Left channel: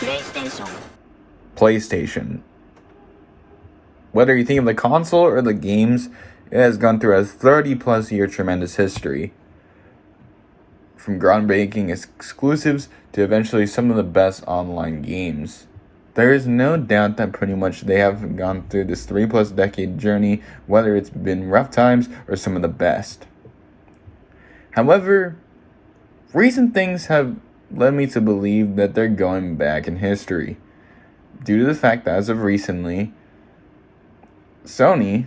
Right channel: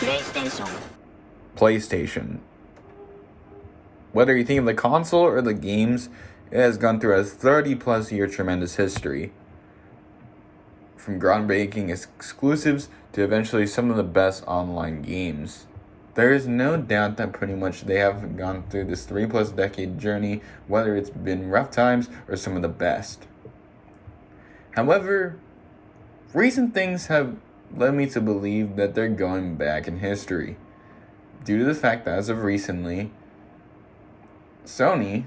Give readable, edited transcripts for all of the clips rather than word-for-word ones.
PlayStation. PlayStation. Whether you think of the console or the games, it has gone through a 30-plus year tremendous history. From groundbreaking exclusives to eventually some of the best online games. There is no doubt that pretty much they have gone through this 3-plus decade journey, whether it's been rough times or some of the best. However, recent things have led me to believe that they're going back in history, due to the fact that as of recently, Sony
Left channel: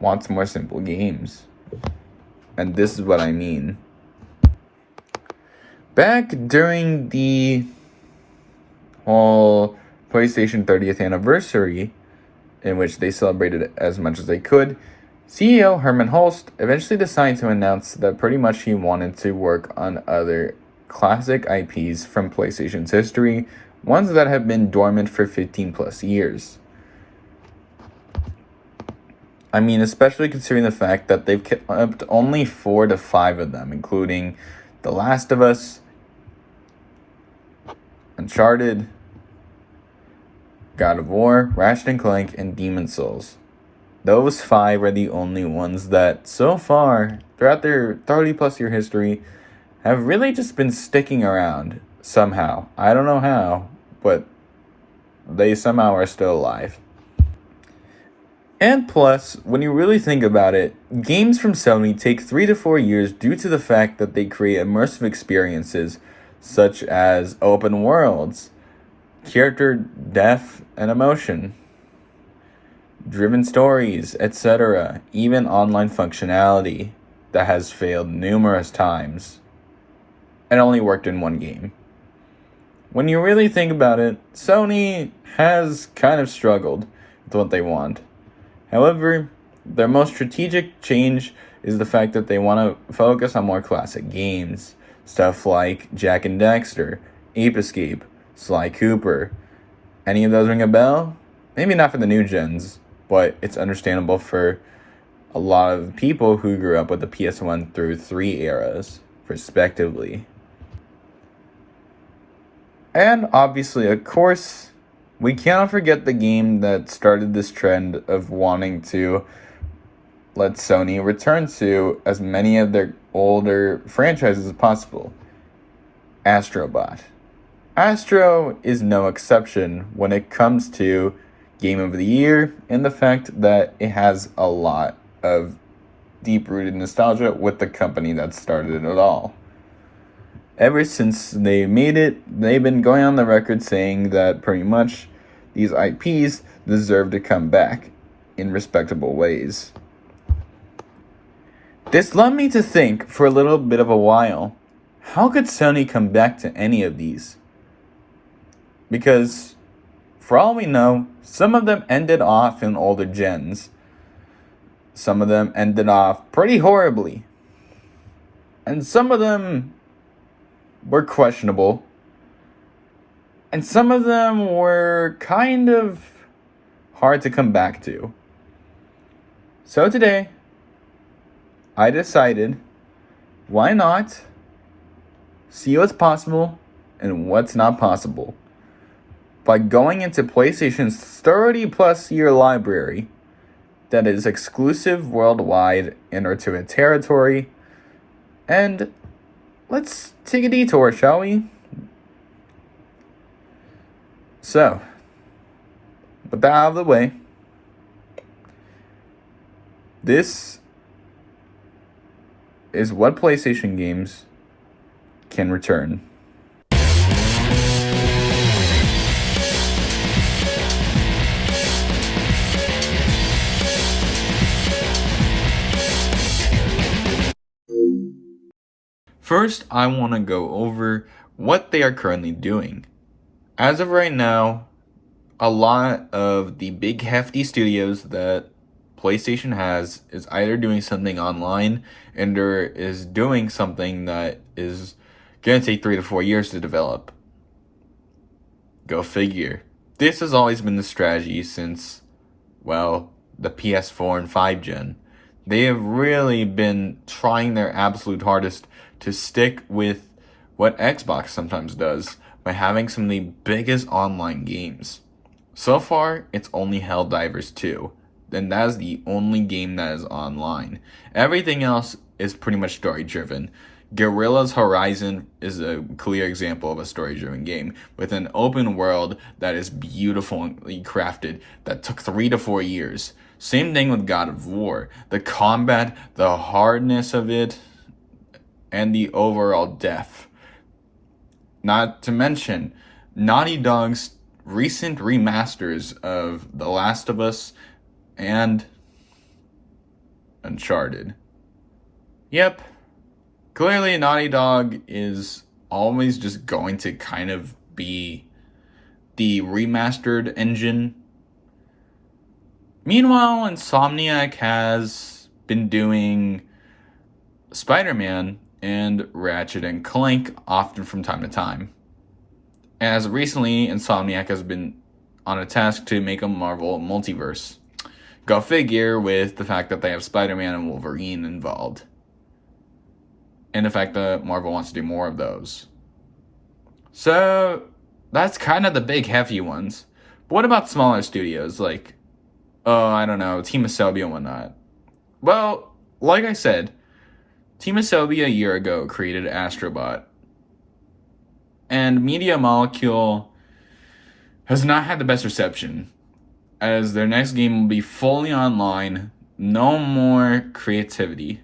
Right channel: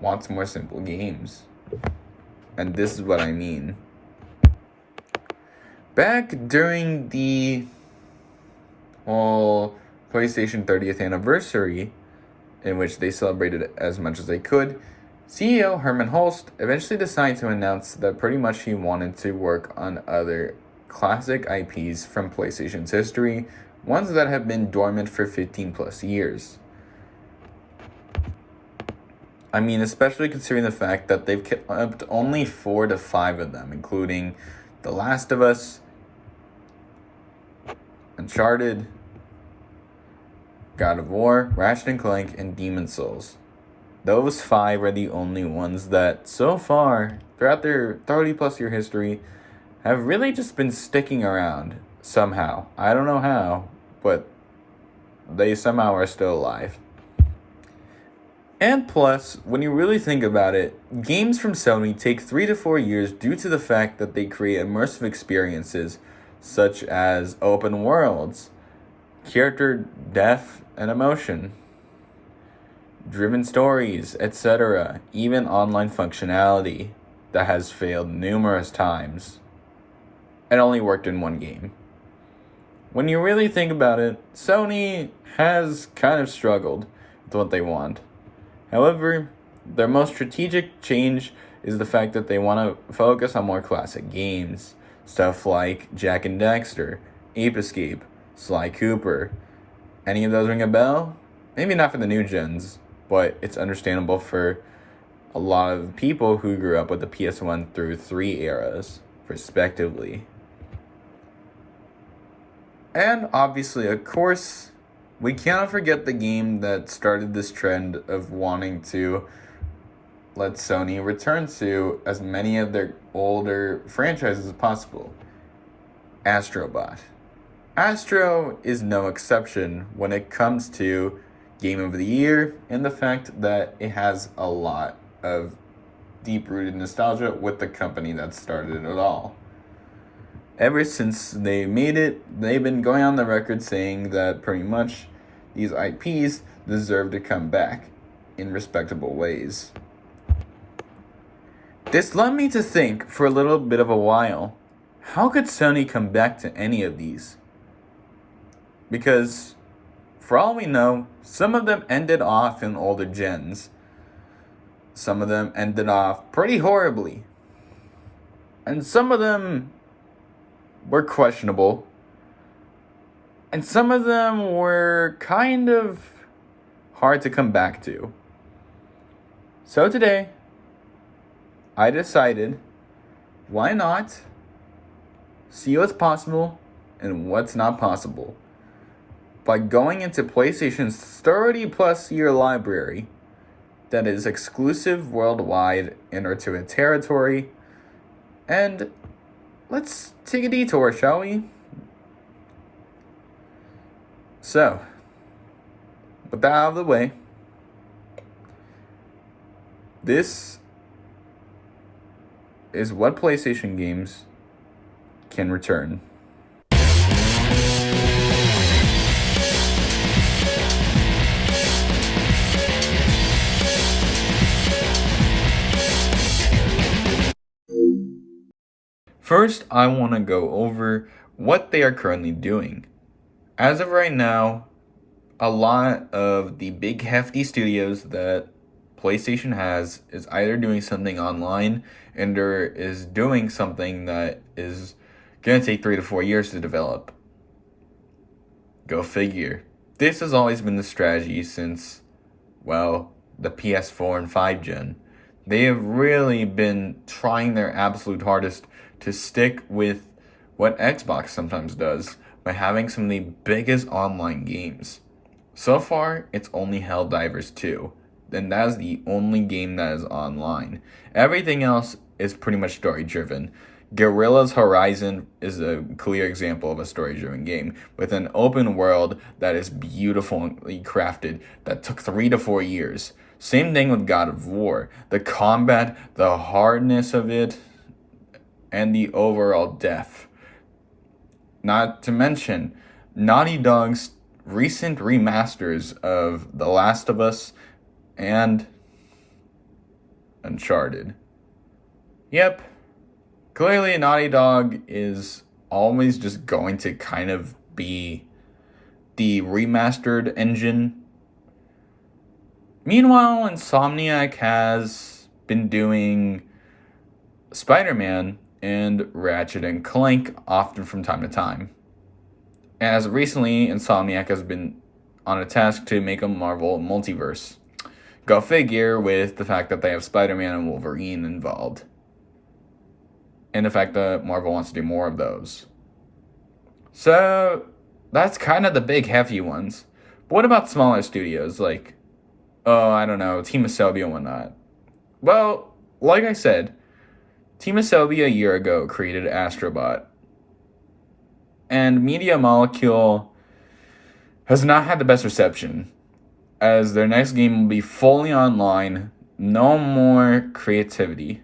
wants more simple games. And this is what I mean. Back during the whole PlayStation 30th anniversary, in which they celebrated as much as they could, CEO Herman Holst eventually decided to announce that pretty much he wanted to work on other classic IPs from PlayStation's history, ones that have been dormant for 15 plus years. I mean, especially considering the fact that they've kept only 4 to 5 of them, including The Last of Us, Uncharted, God of War, Ratchet & Clank, and Demon's Souls. Those 5 are the only ones that, so far, throughout their 30-plus year history, have really just been sticking around somehow. I don't know how, but they somehow are still alive. And plus, when you really think about it, games from Sony take 3 to 4 years due to the fact that they create immersive experiences such as open worlds, character depth and emotion, driven stories, etc., even online functionality that has failed numerous times and only worked in one game. When you really think about it, Sony has kind of struggled with what they want. However, their most strategic change is the fact that they want to focus on more classic games. Stuff like Jak and Daxter, Ape Escape, Sly Cooper. Any of those ring a bell? Maybe not for the new gens, but it's understandable for a lot of people who grew up with the PS1 through 3 eras, respectively. And obviously, of course, we cannot forget the game that started this trend of wanting to let Sony return to as many of their older franchises as possible. ASTRO BOT. Astro is no exception when it comes to Game of the Year and the fact that it has a lot of deep-rooted nostalgia with the company that started it all. Ever since they made it, they've been going on the record saying that pretty much these IPs deserve to come back in respectable ways. This led me to think for a little bit of a while, how could Sony come back to any of these? Because, for all we know, some of them ended off in older gens. Some of them ended off pretty horribly. And some of them were questionable. And some of them were kind of hard to come back to. So today, I decided, why not see what's possible and what's not possible by going into PlayStation's 30-plus year library that is exclusive worldwide into a territory. And let's take a detour, shall we? So, with that out of the way, this is what PlayStation games can return. First, I want to go over what they are currently doing. As of right now, a lot of the big hefty studios that PlayStation has is either doing something online or is doing something that is going to take 3 to 4 years to develop. Go figure. This has always been the strategy since, well, the PS4 and 5 gen. They have really been trying their absolute hardest to stick with what Xbox sometimes does by having some of the biggest online games. So far, it's only Helldivers 2, and that is the only game that is online. Everything else is pretty much story-driven. Guerrilla's Horizon is a clear example of a story-driven game, with an open world that is beautifully crafted, that took 3 to 4 years. Same thing with God of War. The combat, the hardness of it, and the overall depth. Not to mention, Naughty Dog's recent remasters of The Last of Us and Uncharted. Yep, clearly Naughty Dog is always just going to kind of be the remastered engine. Meanwhile, Insomniac has been doing Spider-Man and Ratchet and Clank often from time to time. As recently, Insomniac has been on a task to make a Marvel multiverse. Go figure with the fact that they have Spider-Man and Wolverine involved. And the fact that Marvel wants to do more of those. So, that's kind of the big heavy ones. But what about smaller studios like, I don't know, Team Asobi and whatnot? Well, like I said, Team Asobi a year ago created ASTRO BOT. And Media Molecule has not had the best reception, as their next game will be fully online, no more creativity.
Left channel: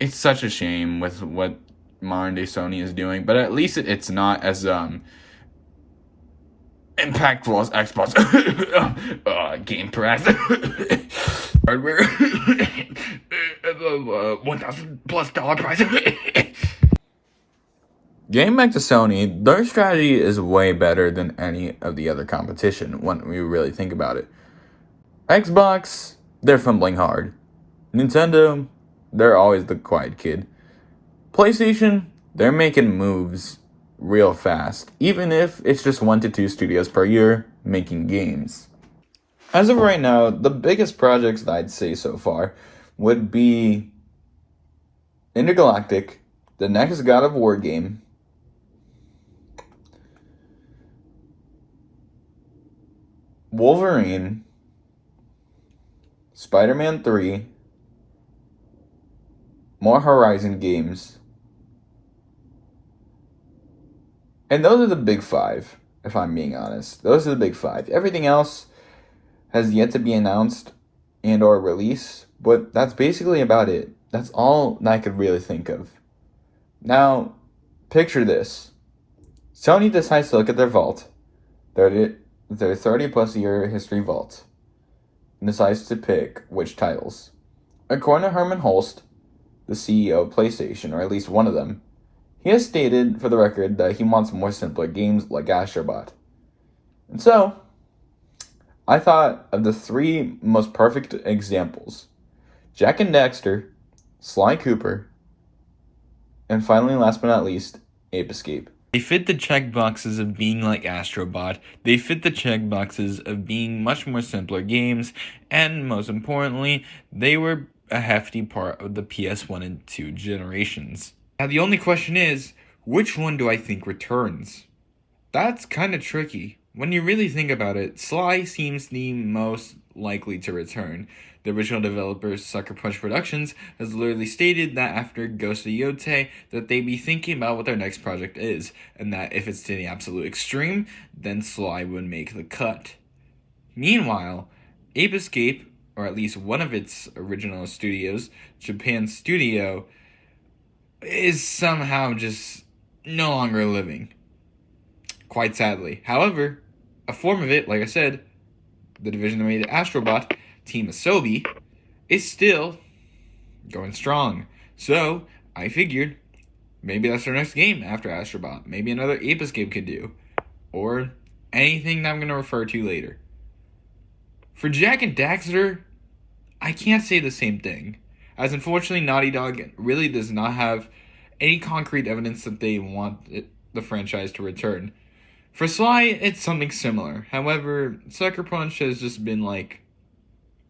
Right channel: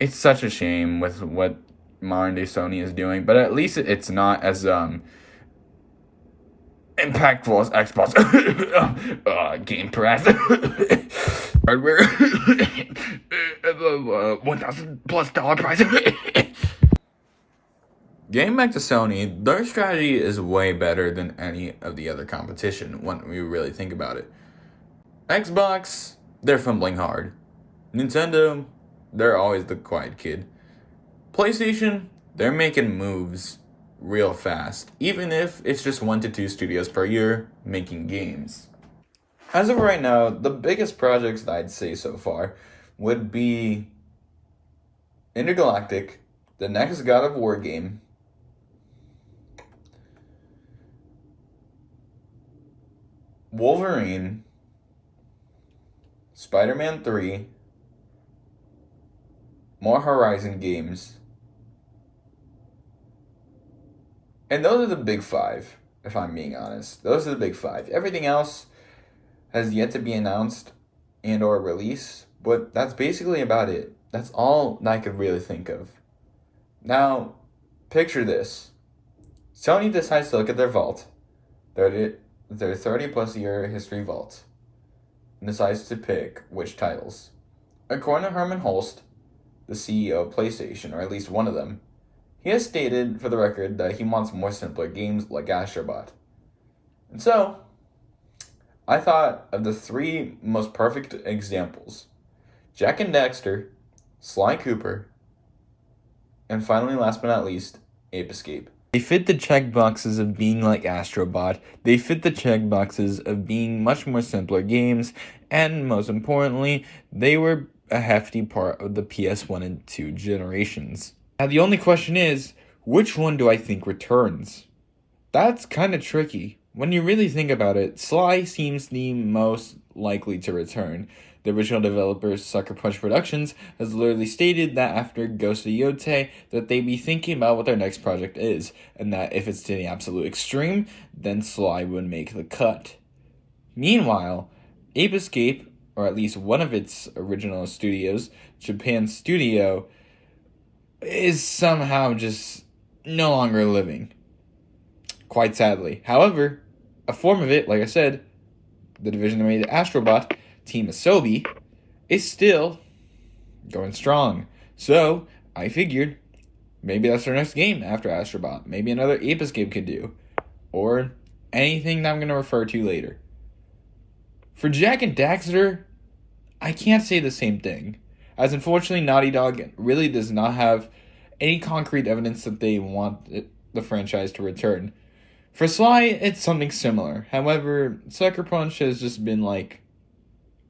It's such a shame with what modern day Sony is doing, but at least it's not as impactful as Xbox Game Pass hardware $1,000+ price. Getting back to Sony, their strategy is way better than any of the other competition when we really think about it. Xbox, they're fumbling hard. Nintendo, they're always the quiet kid. PlayStation, they're making moves real fast, even if it's just 1 to 2 studios per year making games. As of right now, the biggest projects that I'd say so far would be Intergalactic, the next God of War game, Wolverine, Spider-Man 3, more Horizon games, and those are the big 5, if I'm being honest. Those are the big 5. Everything else has yet to be announced and or released, but that's basically about it. That's all that I could really think of. Now, picture this. Sony decides to look at their vault, their 30+ year history vault, and decides to pick which titles. According to Herman Holst, the CEO of PlayStation, or at least one of them, he has stated for the record that he wants more simpler games like ASTRO BOT. And so, I thought of the 3 most perfect examples: Jak and Daxter, Sly Cooper, and finally, last but not least, Ape Escape. They fit the checkboxes of being like ASTRO BOT, they fit the checkboxes of being much more simpler games, and most importantly, they were a hefty part of the PS1 and 2 generations. Now the only question is, which one do I think returns? That's kind of tricky. When you really think about it, Sly seems the most likely to return. The original developer, Sucker Punch Productions, has literally stated that after Ghost of Yotei, that they be thinking about what their next project is, and that if it's to the absolute extreme, then Sly would make the cut. Meanwhile, Ape Escape, or at least one of its original studios, Japan Studio, is somehow just no longer living. Quite sadly. However, a form of it, like I said, the division that made ASTRO BOT, Team Asobi, is still going strong. So, I figured maybe that's our next game after ASTRO BOT. Maybe another Ape Escape could do. Or anything that I'm going to refer to later. For Jak and Daxter, I can't say the same thing, as unfortunately Naughty Dog really does not have any concrete evidence that they want the franchise to return. For Sly, it's something similar. However, Sucker Punch has just been like,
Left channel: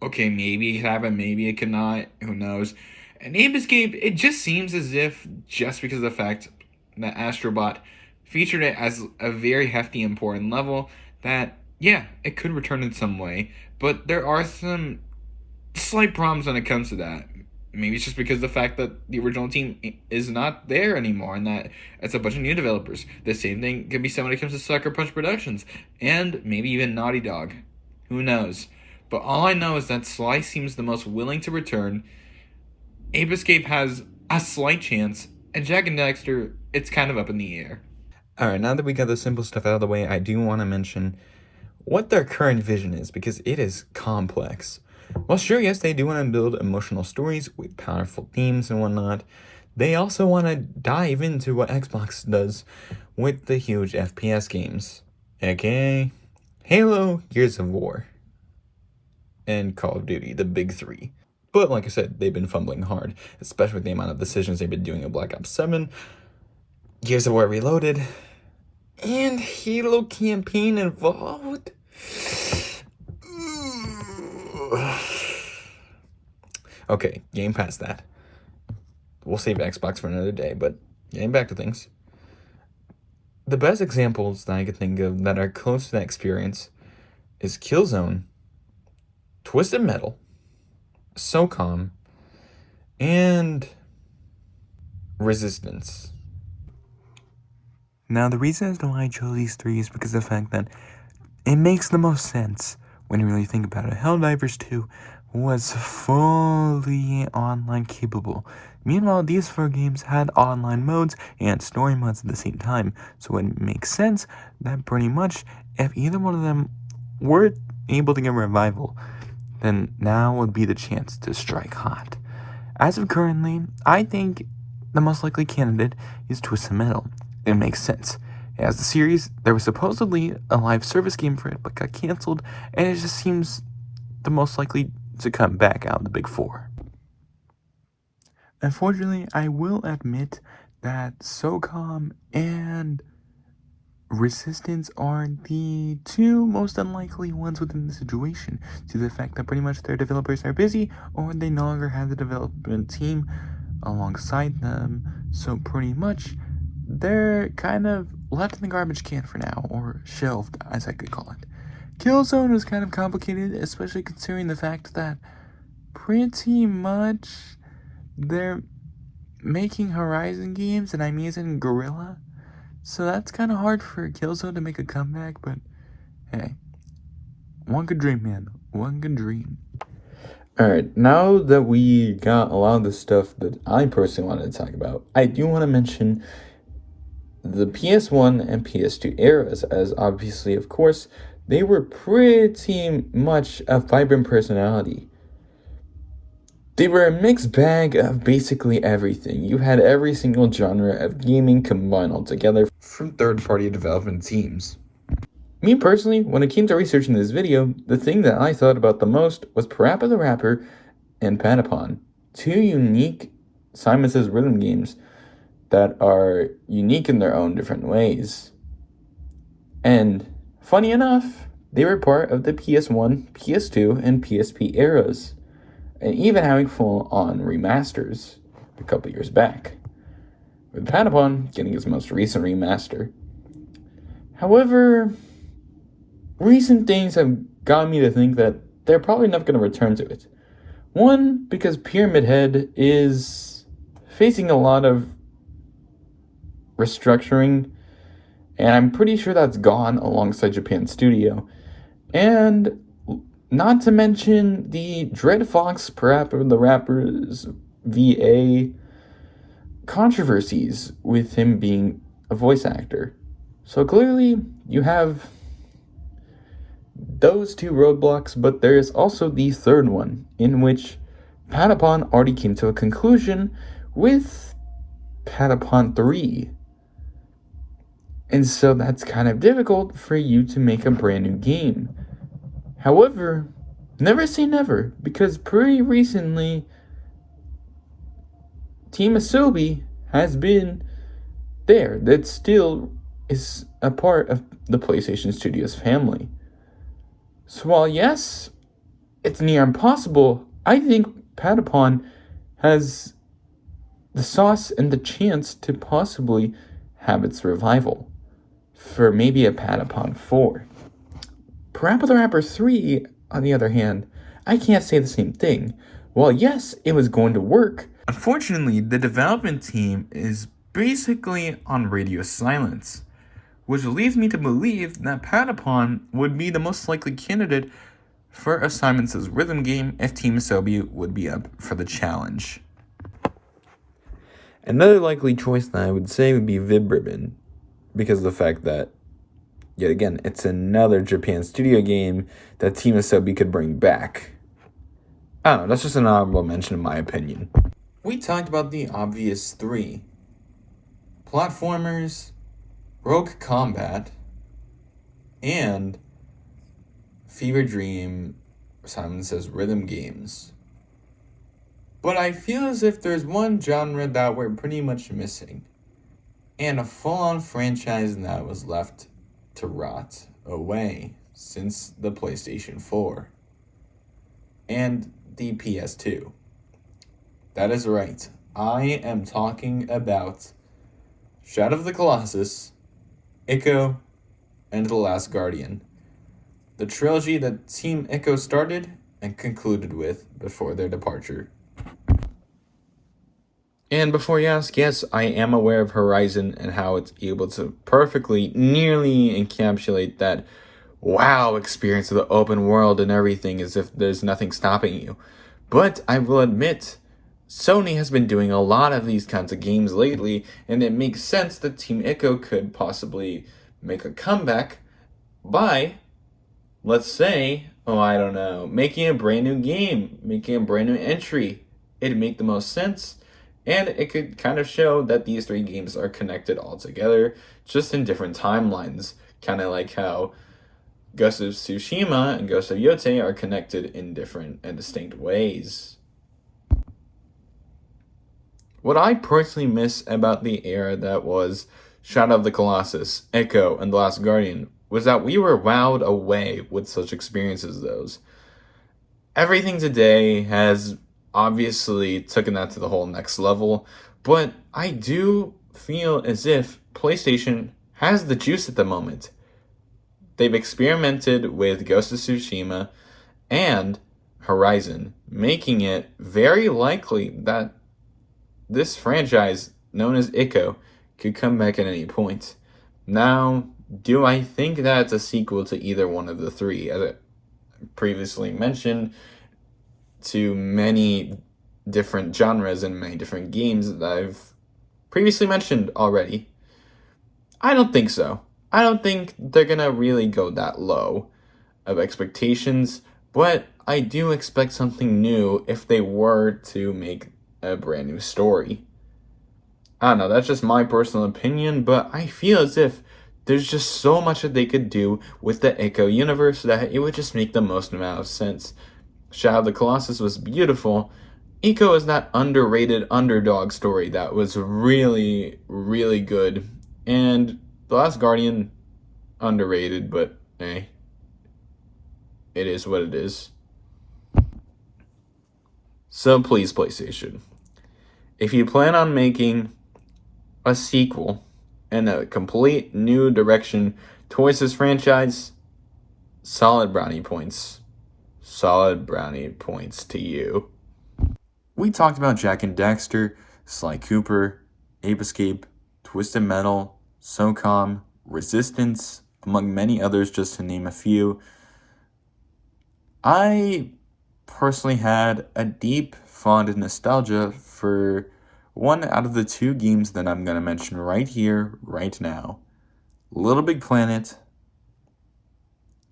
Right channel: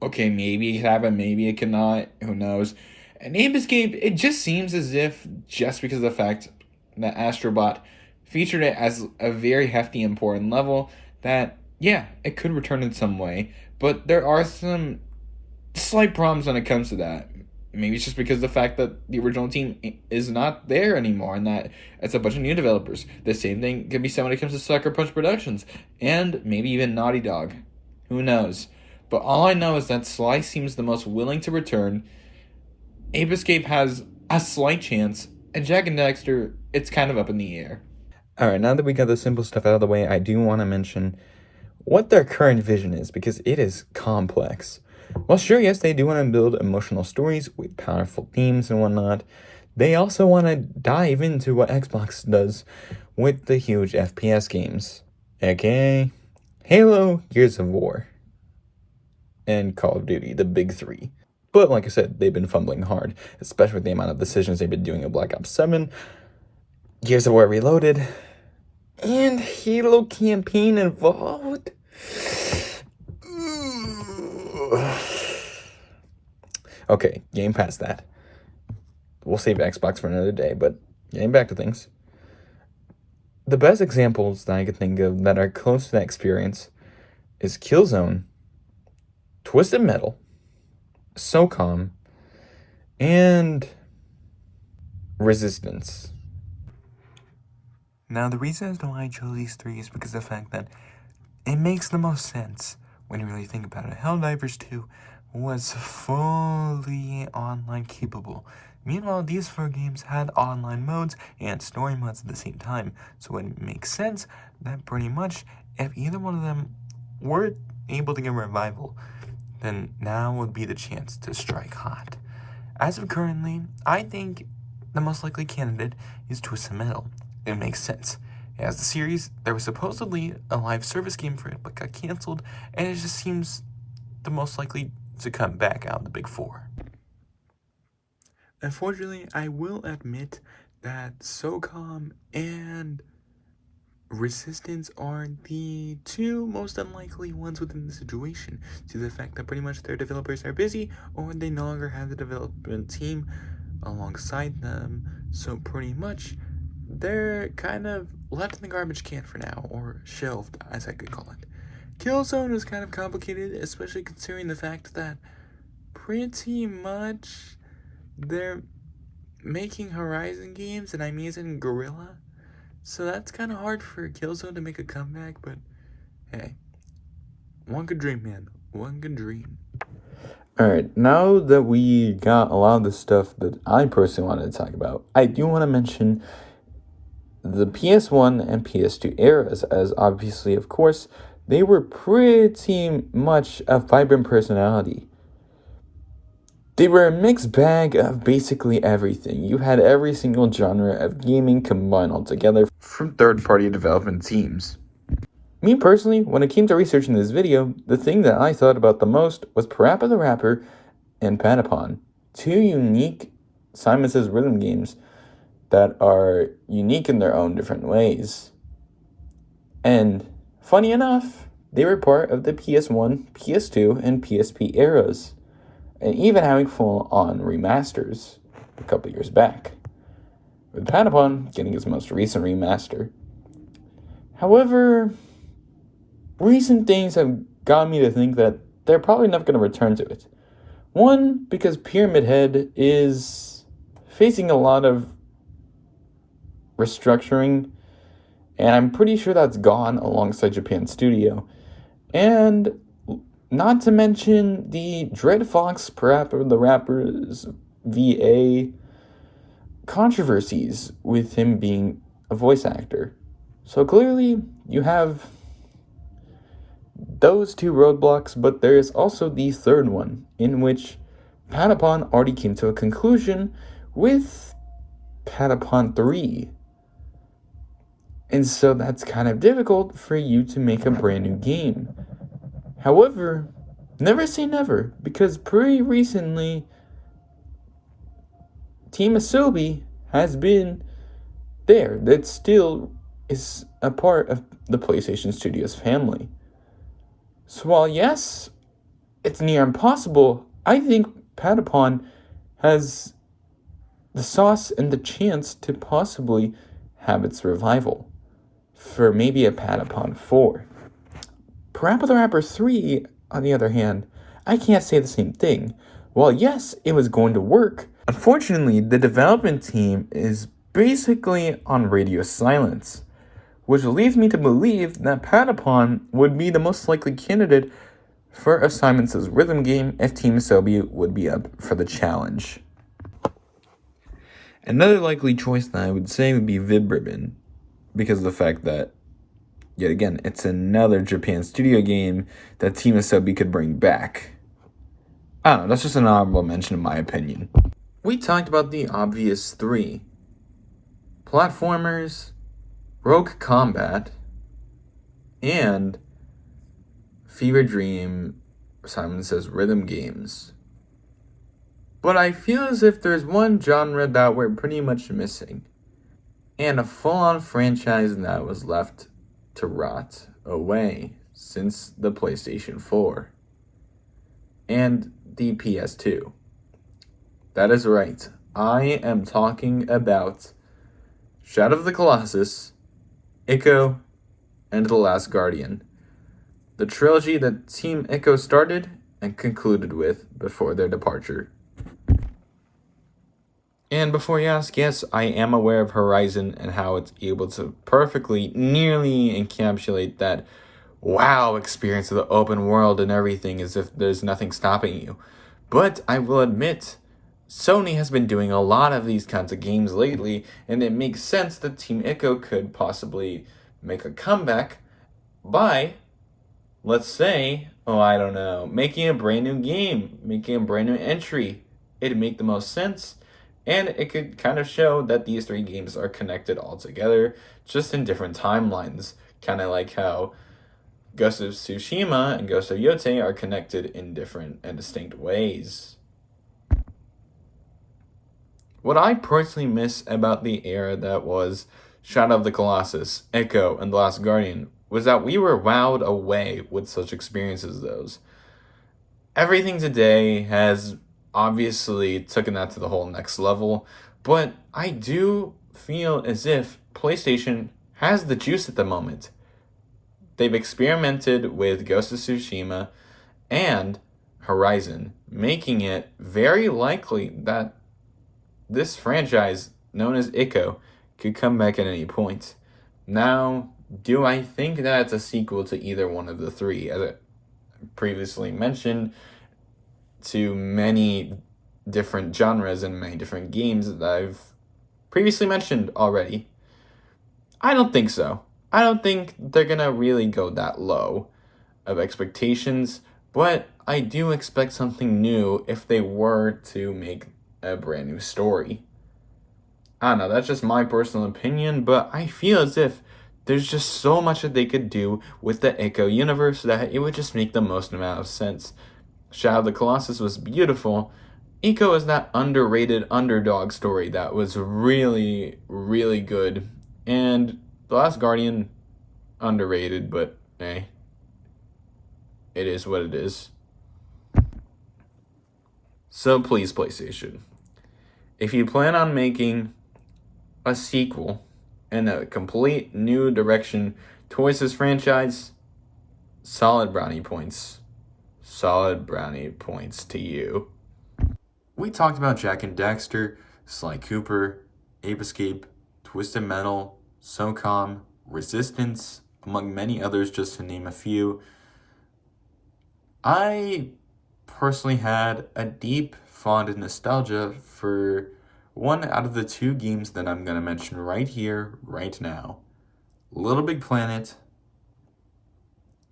okay, maybe it can happen, maybe it cannot, who knows. And Ape Escape, it just seems as if, just because of the fact that ASTRO BOT featured it as a very hefty, important level that, yeah, it could return in some way, but there are some slight problems when it comes to that. Maybe it's just because of the fact that the original team is not there anymore and that it's a bunch of new developers. The same thing can be said when it comes to Sucker Punch Productions and maybe even Naughty Dog. Who knows? But all I know is that Sly seems the most willing to return. Ape Escape has a slight chance, and Jack and Dexter, it's kind of up in the air. Alright, now that we got the simple stuff out of the way, I do want to mention what their current vision is, because it is complex. Well, sure, yes, they do want to build emotional stories with powerful themes and whatnot. They also want to dive into what Xbox does with the huge FPS games, aka Halo, Gears of War, and Call of Duty, the big three. But like I said, they've been fumbling hard, especially with the amount of decisions they've been doing in Black Ops 7, Gears of War Reloaded, and Halo campaign involved. Okay, game past that. We'll save Xbox for another day, but getting back to things. The best examples that I could think of that are close to that experience is Killzone, Twisted Metal, SOCOM, and Resistance. Now, the reason as to why I chose these three is because of the fact that it makes the most sense when you really think about it. Helldivers 2 was fully online capable. Meanwhile, these four games had online modes and story modes at the same time, so it makes sense that pretty much if either one of them were able to get a revival, then now would be the chance to strike hot. As of currently, I think the most likely candidate is Twisted Metal. It makes sense. As the series, there was supposedly a live service game for it, but got canceled, and it just seems the most likely to come back out of the big four. Unfortunately, I will admit that SOCOM and Resistance are the two most unlikely ones within the situation, due to the fact that pretty much their developers are busy, or they no longer have the development team alongside them, so pretty much they're kind of left in the garbage can for now, or shelved, as I could call it. Killzone is kind of complicated, especially considering the fact that pretty much they're making Horizon games, and I'm using Guerrilla, so that's kind of hard for Killzone to make a comeback, but hey, one could dream, man. One could dream. Alright, now that we got a lot of the stuff that I personally wanted to talk about, I do want to mention the PS1 and PS2 eras, as obviously, of course, they were pretty much a vibrant personality. They were a mixed bag of basically everything. You had every single genre of gaming combined all together from third-party development teams. Me personally, when it came to researching this video, the thing that I thought about the most was Parappa the Rapper and Patapon, two unique Simon Says rhythm games that are unique in their own different ways. And funny enough, they were part of the PS1, PS2, and PSP eras, and even having full-on remasters a couple years back, with Patapon getting its most recent remaster. However, recent things have got me to think that they're probably not going to return to it. One, because Pyramid Head is facing a lot of restructuring, and I'm pretty sure that's gone alongside Japan Studio. And not to mention the Dread Fox Parappa the Rapper's VA controversies with him being a voice actor. So clearly, you have those two roadblocks, but there is also the third one, in which Patapon already came to a conclusion with Patapon 3. And so that's kind of difficult for you to make a brand new game. However, never say never, because pretty recently, Team Asobi has been there. That still is a part of the PlayStation Studios family. So while yes, it's near impossible, I think Patapon has the sauce and the chance to possibly have its revival for maybe a Patapon 4. Parappa the Rapper 3, on the other hand, I can't say the same thing. While yes, it was going to work, unfortunately, the development team is basically on radio silence, which leads me to believe that Patapon would be the most likely candidate for a Simon Says Rhythm game if Team Asobi would be up for the challenge. Another likely choice that I would say would be Vib Ribbon, because of the fact that, yet again, it's another Japan studio game that Team Asobi could bring back. I don't know, that's just an honorable mention in my opinion. We talked about the obvious three: platformers, Rogue Combat, and Fever Dream, Simon Says Rhythm games. But I feel as if there's one genre that we're pretty much missing, and a full-on franchise that was left to rot away since the PlayStation 4 and the PS2. That is right, I am talking about Shadow of the Colossus, Ico, and The Last Guardian, the trilogy that Team Ico started and concluded with before their departure. And before you ask, yes, I am aware of Horizon and how it's able to perfectly, nearly encapsulate that wow experience of the open world and everything as if there's nothing stopping you. But I will admit, Sony has been doing a lot of these kinds of games lately, and it makes sense that Team Ico could possibly make a comeback by, let's say, making a brand new game, making a brand new entry. It'd make the most sense. And it could kind of show that these three games are connected all together, just in different timelines. Kind of like how Ghost of Tsushima and Ghost of Yotei are connected in different and distinct ways. What I personally miss about the era that was Shadow of the Colossus, Ico, and The Last Guardian was that we were wowed away with such experiences as those. Everything today has obviously taken that to the whole next level, but I do feel as if PlayStation has the juice at the moment. They've experimented with Ghost of Tsushima and Horizon, making it very likely that this franchise, known as Ico, could come back at any point. Now, do I think that it's a sequel to either one of the three? As I previously mentioned, to many different genres and many different games that I've previously mentioned already. I don't think so. I don't think they're gonna really go that low of expectations, but I do expect something new if they were to make a brand new story. I don't know, that's just my personal opinion, but I feel as if there's just so much that they could do with the Ico universe that it would just make the most amount of sense. Shadow of the Colossus was beautiful. Ico is that underrated underdog story that was really, really good. And The Last Guardian, underrated, but hey, it is what it is. So please, PlayStation, if you plan on making a sequel and a complete new direction towards this franchise, solid brownie points. Solid brownie points to you. We talked about Jak and Daxter, Sly Cooper, Ape Escape, Twisted Metal, SOCOM, Resistance, among many others, just to name a few. I personally had a deep, fond nostalgia for one out of the two games that I'm going to mention right here, right now. Little Big Planet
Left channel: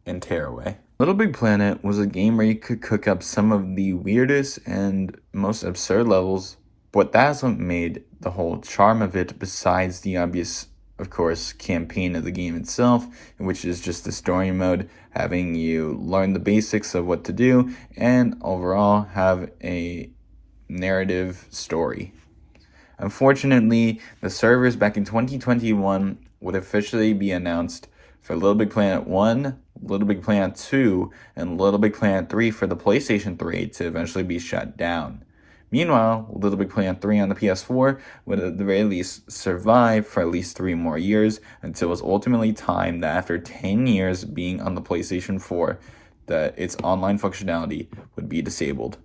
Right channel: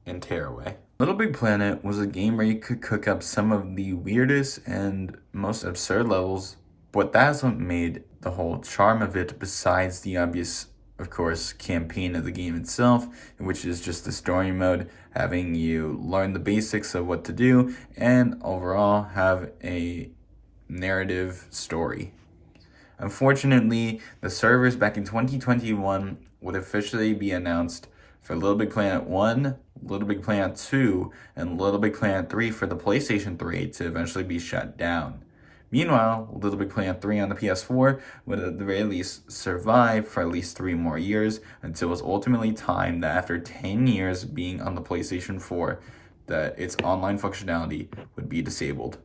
and Tearaway. Little Big Planet was a game where you could cook up some of the weirdest and most absurd levels, but that's what made the whole charm of it, besides the obvious, of course, campaign of the game itself, which is just the story mode, having you learn the basics of what to do, and overall have a narrative story. Unfortunately, the servers back in 2021 would officially be announced for Little Big Planet 1, Little Big Planet 2, and Little Big Planet 3 for the PlayStation 3 to eventually be shut down. Meanwhile, Little Big Planet 3 on the PS4 would at the very least survive for at least 3 more years until it was ultimately timed that after 10 years being on the PlayStation 4, that its online functionality would be disabled.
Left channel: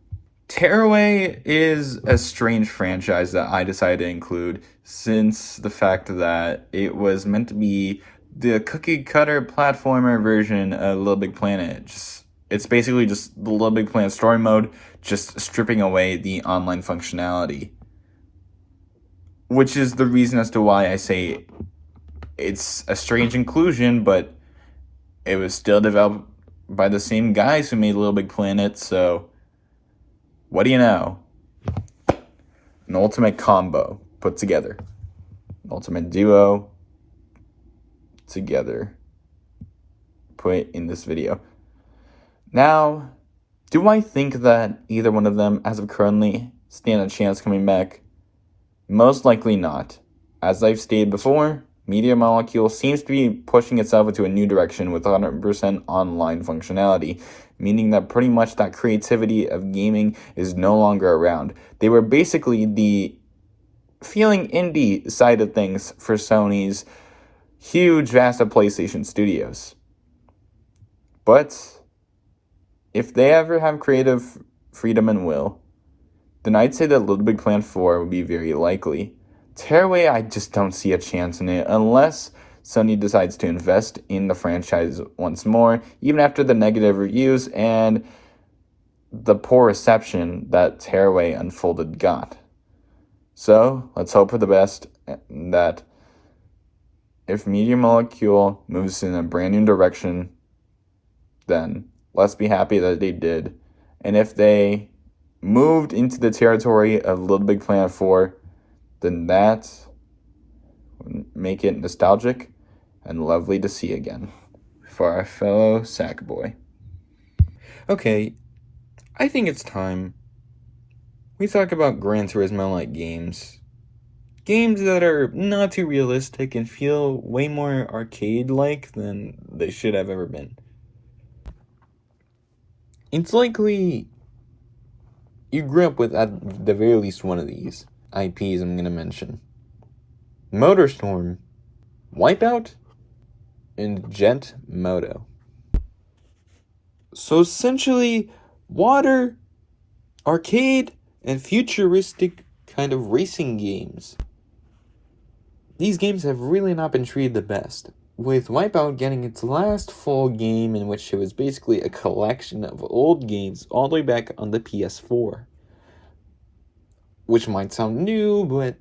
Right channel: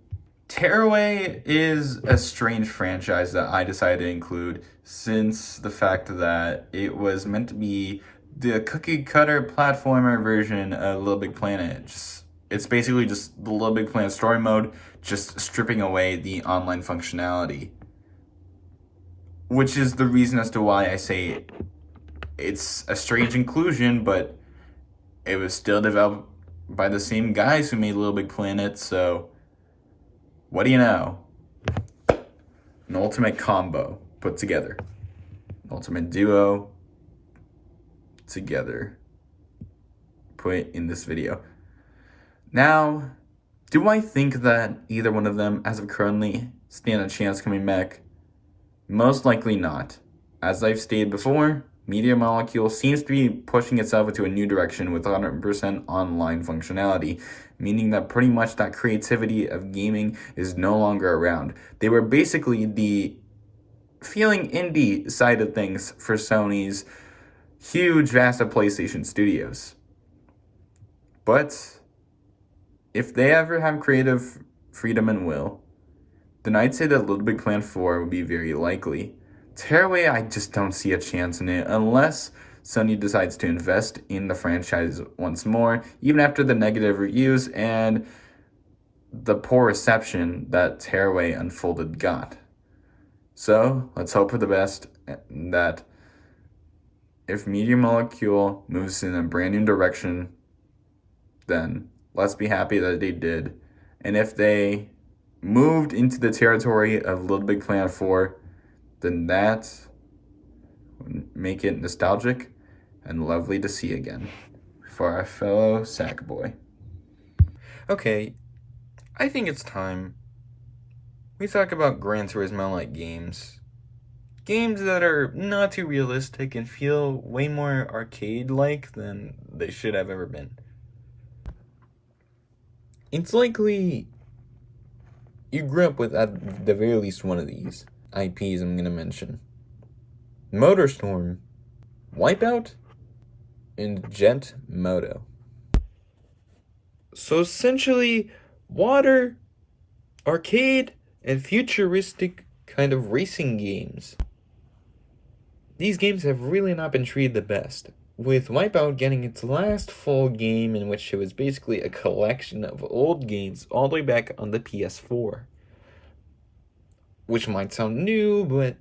Tearaway is a strange franchise that I decided to include since the fact that it was meant to be the cookie cutter platformer version of Little Big Planet. It's basically just the Little Big Planet story mode, just stripping away the online functionality. Which is the reason as to why I say it's a strange inclusion, but it was still developed by the same guys who made Little Big Planet, so what do you know? An ultimate combo put together. An ultimate duo together. Put in this video. Now, do I think that either one of them, as of currently, stand a chance coming back? Most likely not. As I've stated before, Media Molecule seems to be pushing itself into a new direction with 100% online functionality, meaning that pretty much that creativity of gaming is no longer around. They were basically the feeling indie side of things for Sony's huge, vast of PlayStation studios. But if they ever have creative freedom and will, then I'd say that Little Big Planet 4 would be very likely. Tearaway, I just don't see a chance in it unless Sony decides to invest in the franchise once more, even after the negative reviews and the poor reception that Tearaway Unfolded got. So, let's hope for the best, that if Media Molecule moves in a brand new direction, then let's be happy that they did. And if they moved into the territory of Little Big Planet 4, then that would make it nostalgic and lovely to see again for our fellow Sackboy. Okay, I think it's time we talk about Gran Turismo-like games. Games that are not too realistic and feel way more arcade-like than they should have ever been. It's likely you grew up with, at the very least, one of these IPs I'm going to mention. MotorStorm, Wipeout, and Jet Moto. So essentially, water, arcade, and futuristic kind of racing games. These games have really not been treated the best, with Wipeout getting its last full game in which it was basically a collection of old games all the way back on the PS4. Which might sound new, but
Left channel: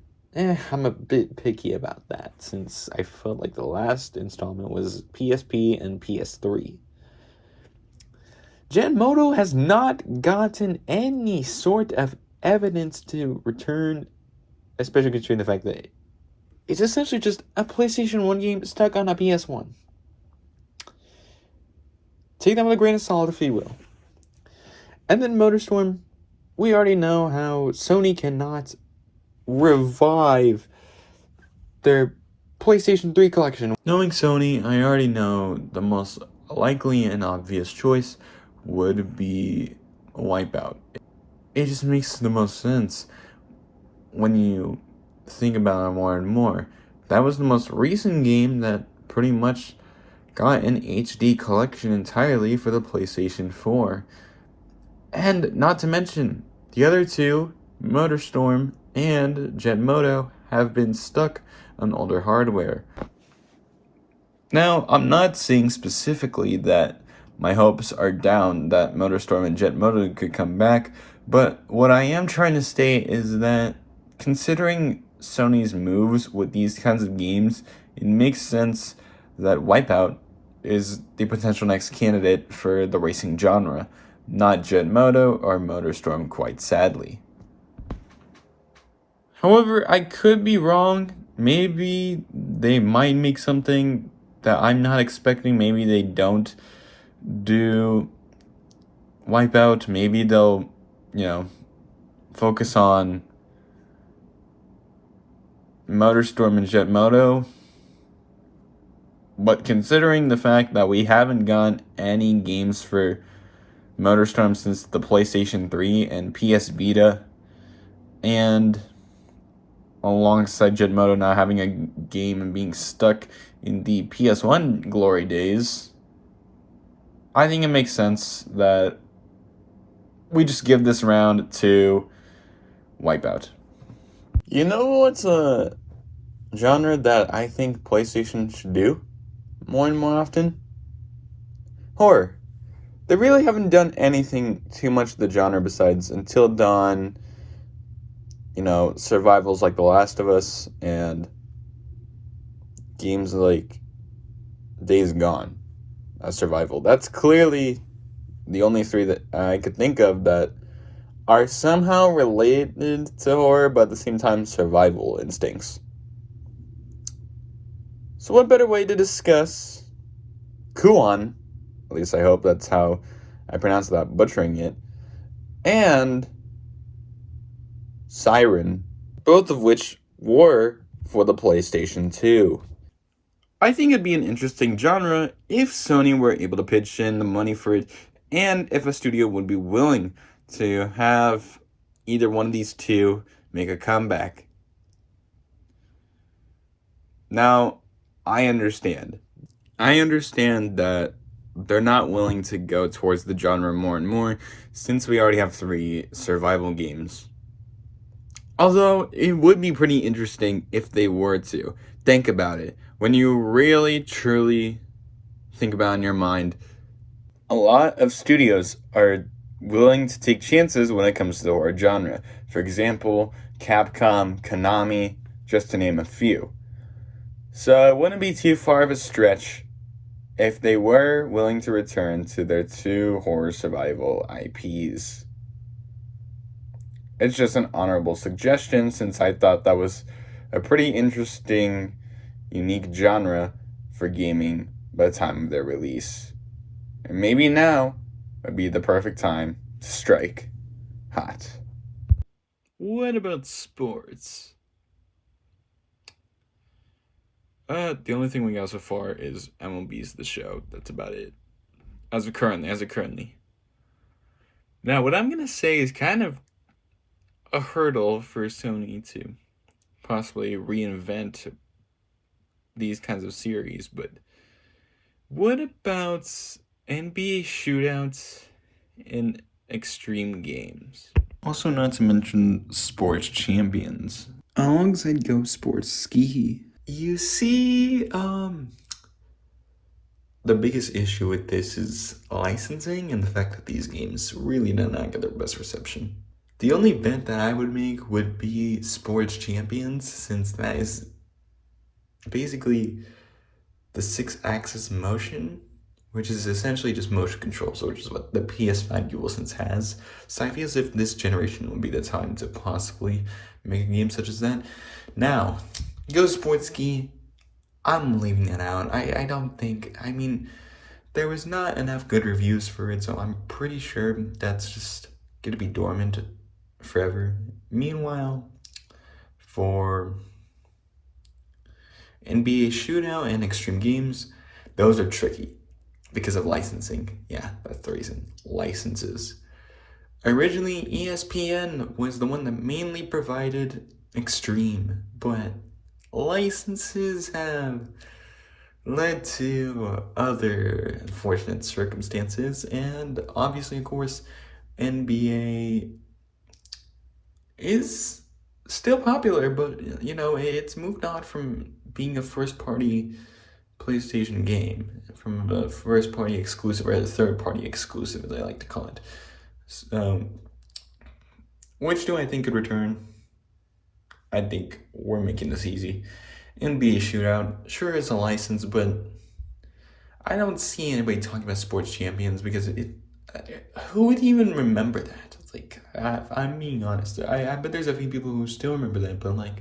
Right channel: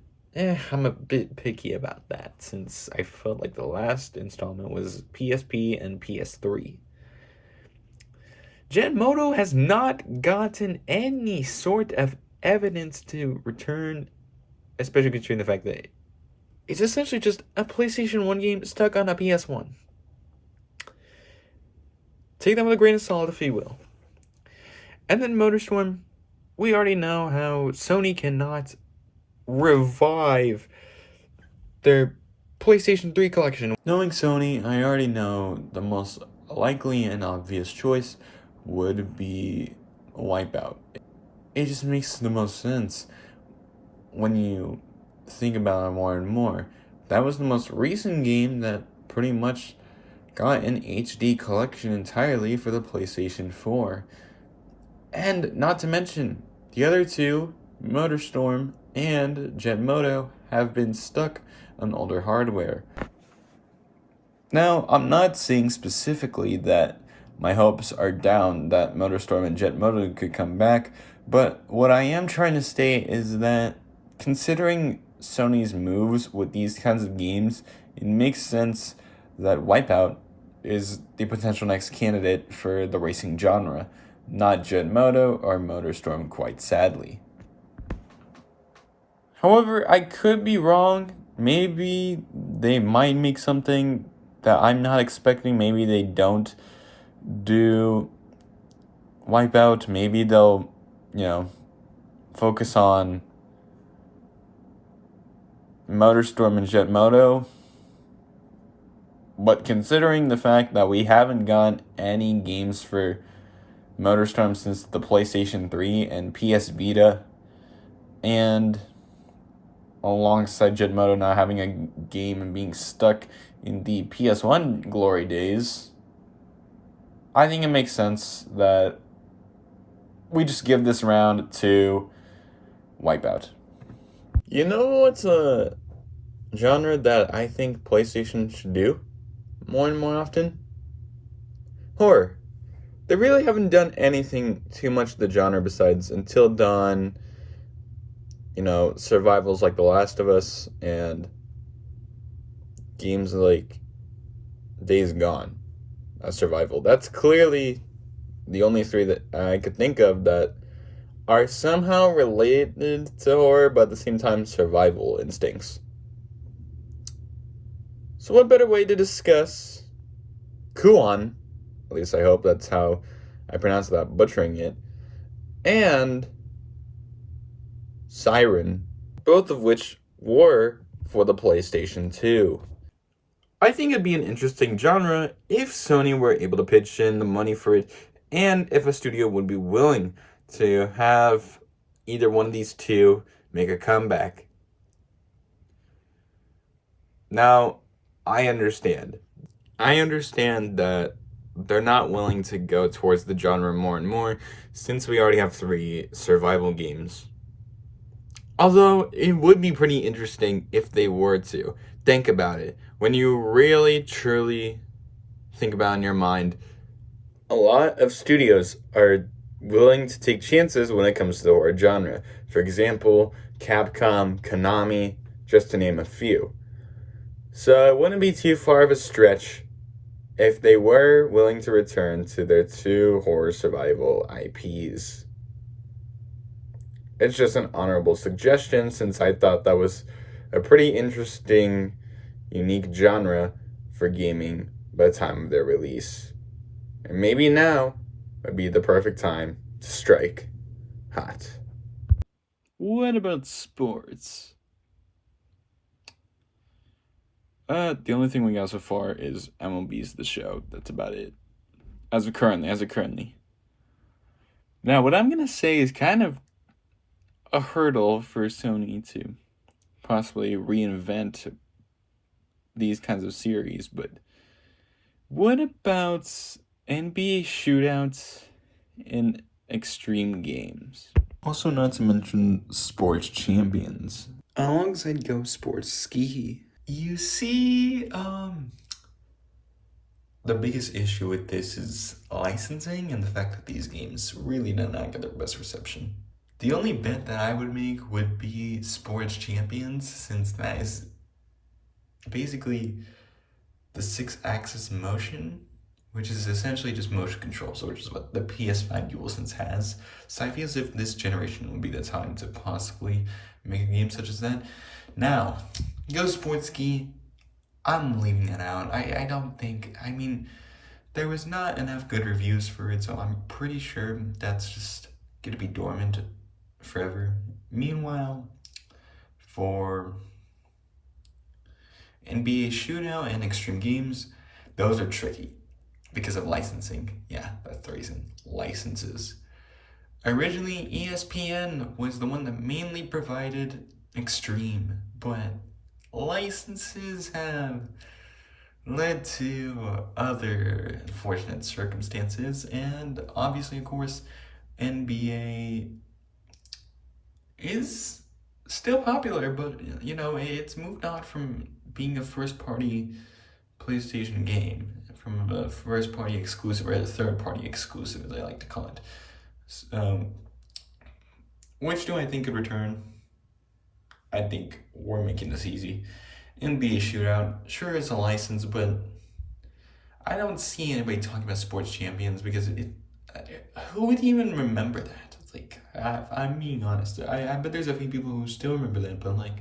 I'm a bit picky about that, since I felt like the last installment was PSP and PS3. Jet Moto has not gotten any sort of evidence to return, especially considering the fact that it's essentially just a PlayStation 1 game stuck on a PS1. Take that with a grain of salt if you will. And then MotorStorm, we already know how Sony cannot revive their PlayStation 3 collection. Knowing Sony, I already know the most likely and obvious choice would be Wipeout. It just makes the most sense when you think about it more and more. That was the most recent game that pretty much got an HD collection entirely for the PlayStation 4. And not to mention, the other two, MotorStorm and Jet Moto, have been stuck on older hardware. Now, I'm not saying specifically that my hopes are down that MotorStorm and Jet Moto could come back, but what I am trying to state is that considering Sony's moves with these kinds of games, it makes sense that Wipeout is the potential next candidate for the racing genre, not Jet Moto or MotorStorm, quite sadly. However, I could be wrong. Maybe they might make something that I'm not expecting. Maybe they don't do Wipeout. Maybe they'll, focus on MotorStorm and Jet Moto. But considering the fact that we haven't gotten any games for MotorStorm since the PlayStation 3 and PS Vita, And alongside Jetmoto not having a game and being stuck in the PS1 glory days, I think it makes sense that we just give this round to Wipeout. You know what's a genre that I think PlayStation should do more and more often? Horror. They really haven't done anything too much to the genre besides Until Dawn, survivals like The Last of Us, and games like Days Gone, a survival. That's clearly the only three that I could think of that are somehow related to horror, but at the same time survival instincts. So what better way to discuss Kuon, at least I hope that's how I pronounce that, butchering it, and Siren, both of which were for the PlayStation 2. I think it'd be an interesting genre if Sony were able to pitch in the money for it, and if a studio would be willing to have either one of these two make a comeback. Now, I understand. That they're not willing to go towards the genre more and more since we already have 3 survival games. Although, it would be pretty interesting if they were to. Think about it. When you really, truly think about it in your mind, a lot of studios are willing to take chances when it comes to the horror genre. For example, Capcom, Konami, just to name a few. So it wouldn't be too far of a stretch if they were willing to return to their 2 horror survival IPs. It's just an honorable suggestion since I thought that was a pretty interesting, unique genre for gaming by the time of their release. And maybe now would be the perfect time to strike hot. What about sports? The only thing we got so far is MLB's The Show. That's about it. As of currently. Now, what I'm going to say is kind of a hurdle for Sony to possibly reinvent these kinds of series, but what about NBA shootouts in extreme games? Also, not to mention sports champions. Alongside Go Sports Ski. You see, the biggest issue with this is licensing and the fact that these games really did not get their best reception. The only bet that I would make would be Sports Champions, since that is basically the 6-axis motion, which is essentially just motion controls, which is what the PS5 DualSense has. So I feel as if this generation would be the time to possibly make a game such as that. Now, Go Sports Ski, I'm leaving it out. I don't think, there was not enough good reviews for it, so I'm pretty sure that's just gonna be dormant forever. Meanwhile, for NBA Shootout and Extreme Games, those are tricky because of licensing. Yeah, that's the reason. Licenses. Originally, ESPN was the one that mainly provided Extreme, but licenses have led to other unfortunate circumstances, and obviously, of course, NBA is still popular, but it's moved on from being a first-party PlayStation game, from a first-party exclusive, or the third-party exclusive, as I like to call it. Which do I think could return? I think we're making this easy. NBA Shootout, sure, it's a license, but I don't see anybody talking about Sports Champions because who would even remember that? I'm being honest. I bet there's a few people who still remember that, but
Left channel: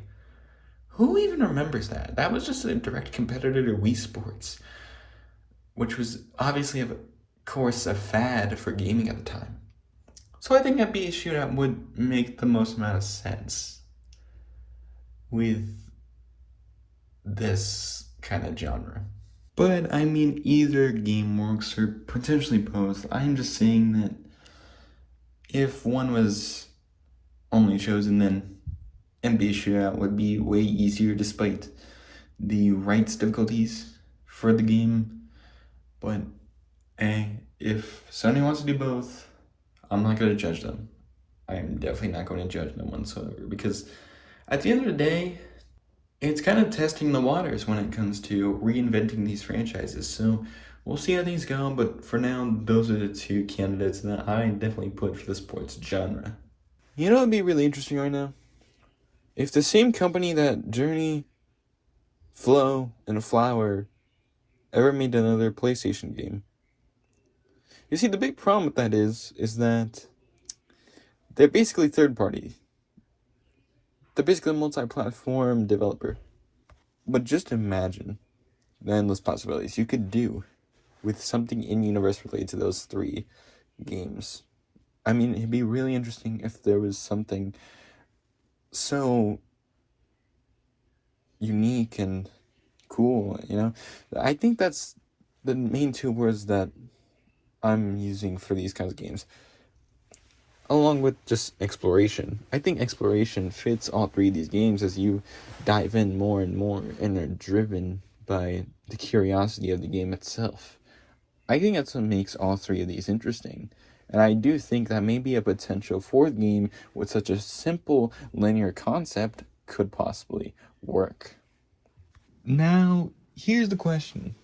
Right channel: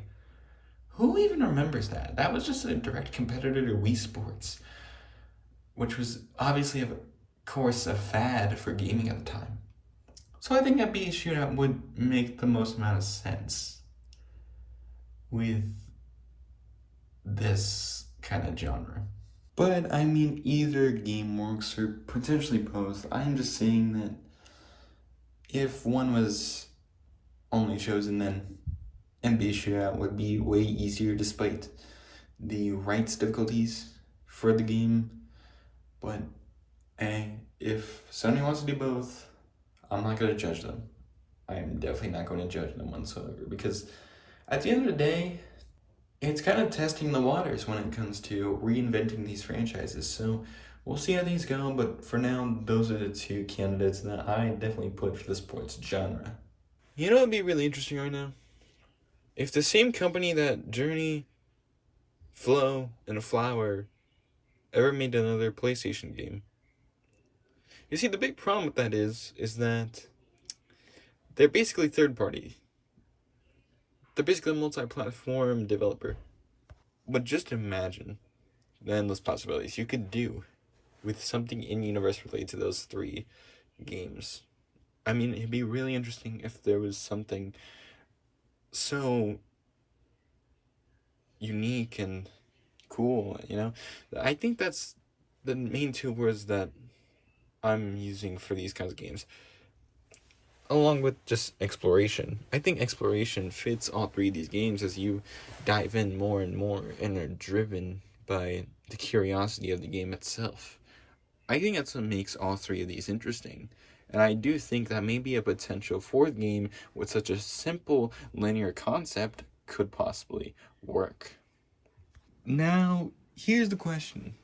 who even remembers that? That was just a direct competitor to Wii Sports, which was obviously, of course, a fad for gaming at the time. So I think NBA Shootout would make the most amount of sense with this kind of genre. But either game works, or potentially both. I'm just saying that if one was only chosen, then NBA would be way easier despite the rights difficulties for the game. But if Sony wants to do both, I'm not going to judge them. I'm definitely not going to judge them whatsoever, because at the end of the day, it's kind of testing the waters when it comes to reinventing these franchises. So we'll see how things go, but for now, those are the two candidates that I definitely put for the sports genre. You know what would be really interesting right now? If the same company that Journey, Flow, and Flower ever made another PlayStation game. You see, the big problem with that is that they're basically third party. They're basically a multi-platform developer. But just imagine the endless possibilities you could do with something in-universe related to those three games. I mean, it'd be really interesting if there was something so unique and cool, you know? I think that's the main two words that I'm using for these kinds of games. Along with just exploration. I think exploration fits all three of these games as you dive in more and more and are driven by the curiosity of the game itself. I think that's what makes all three of these interesting. And I do think that maybe a potential fourth game with such a simple linear concept could possibly work. Now, here's the question.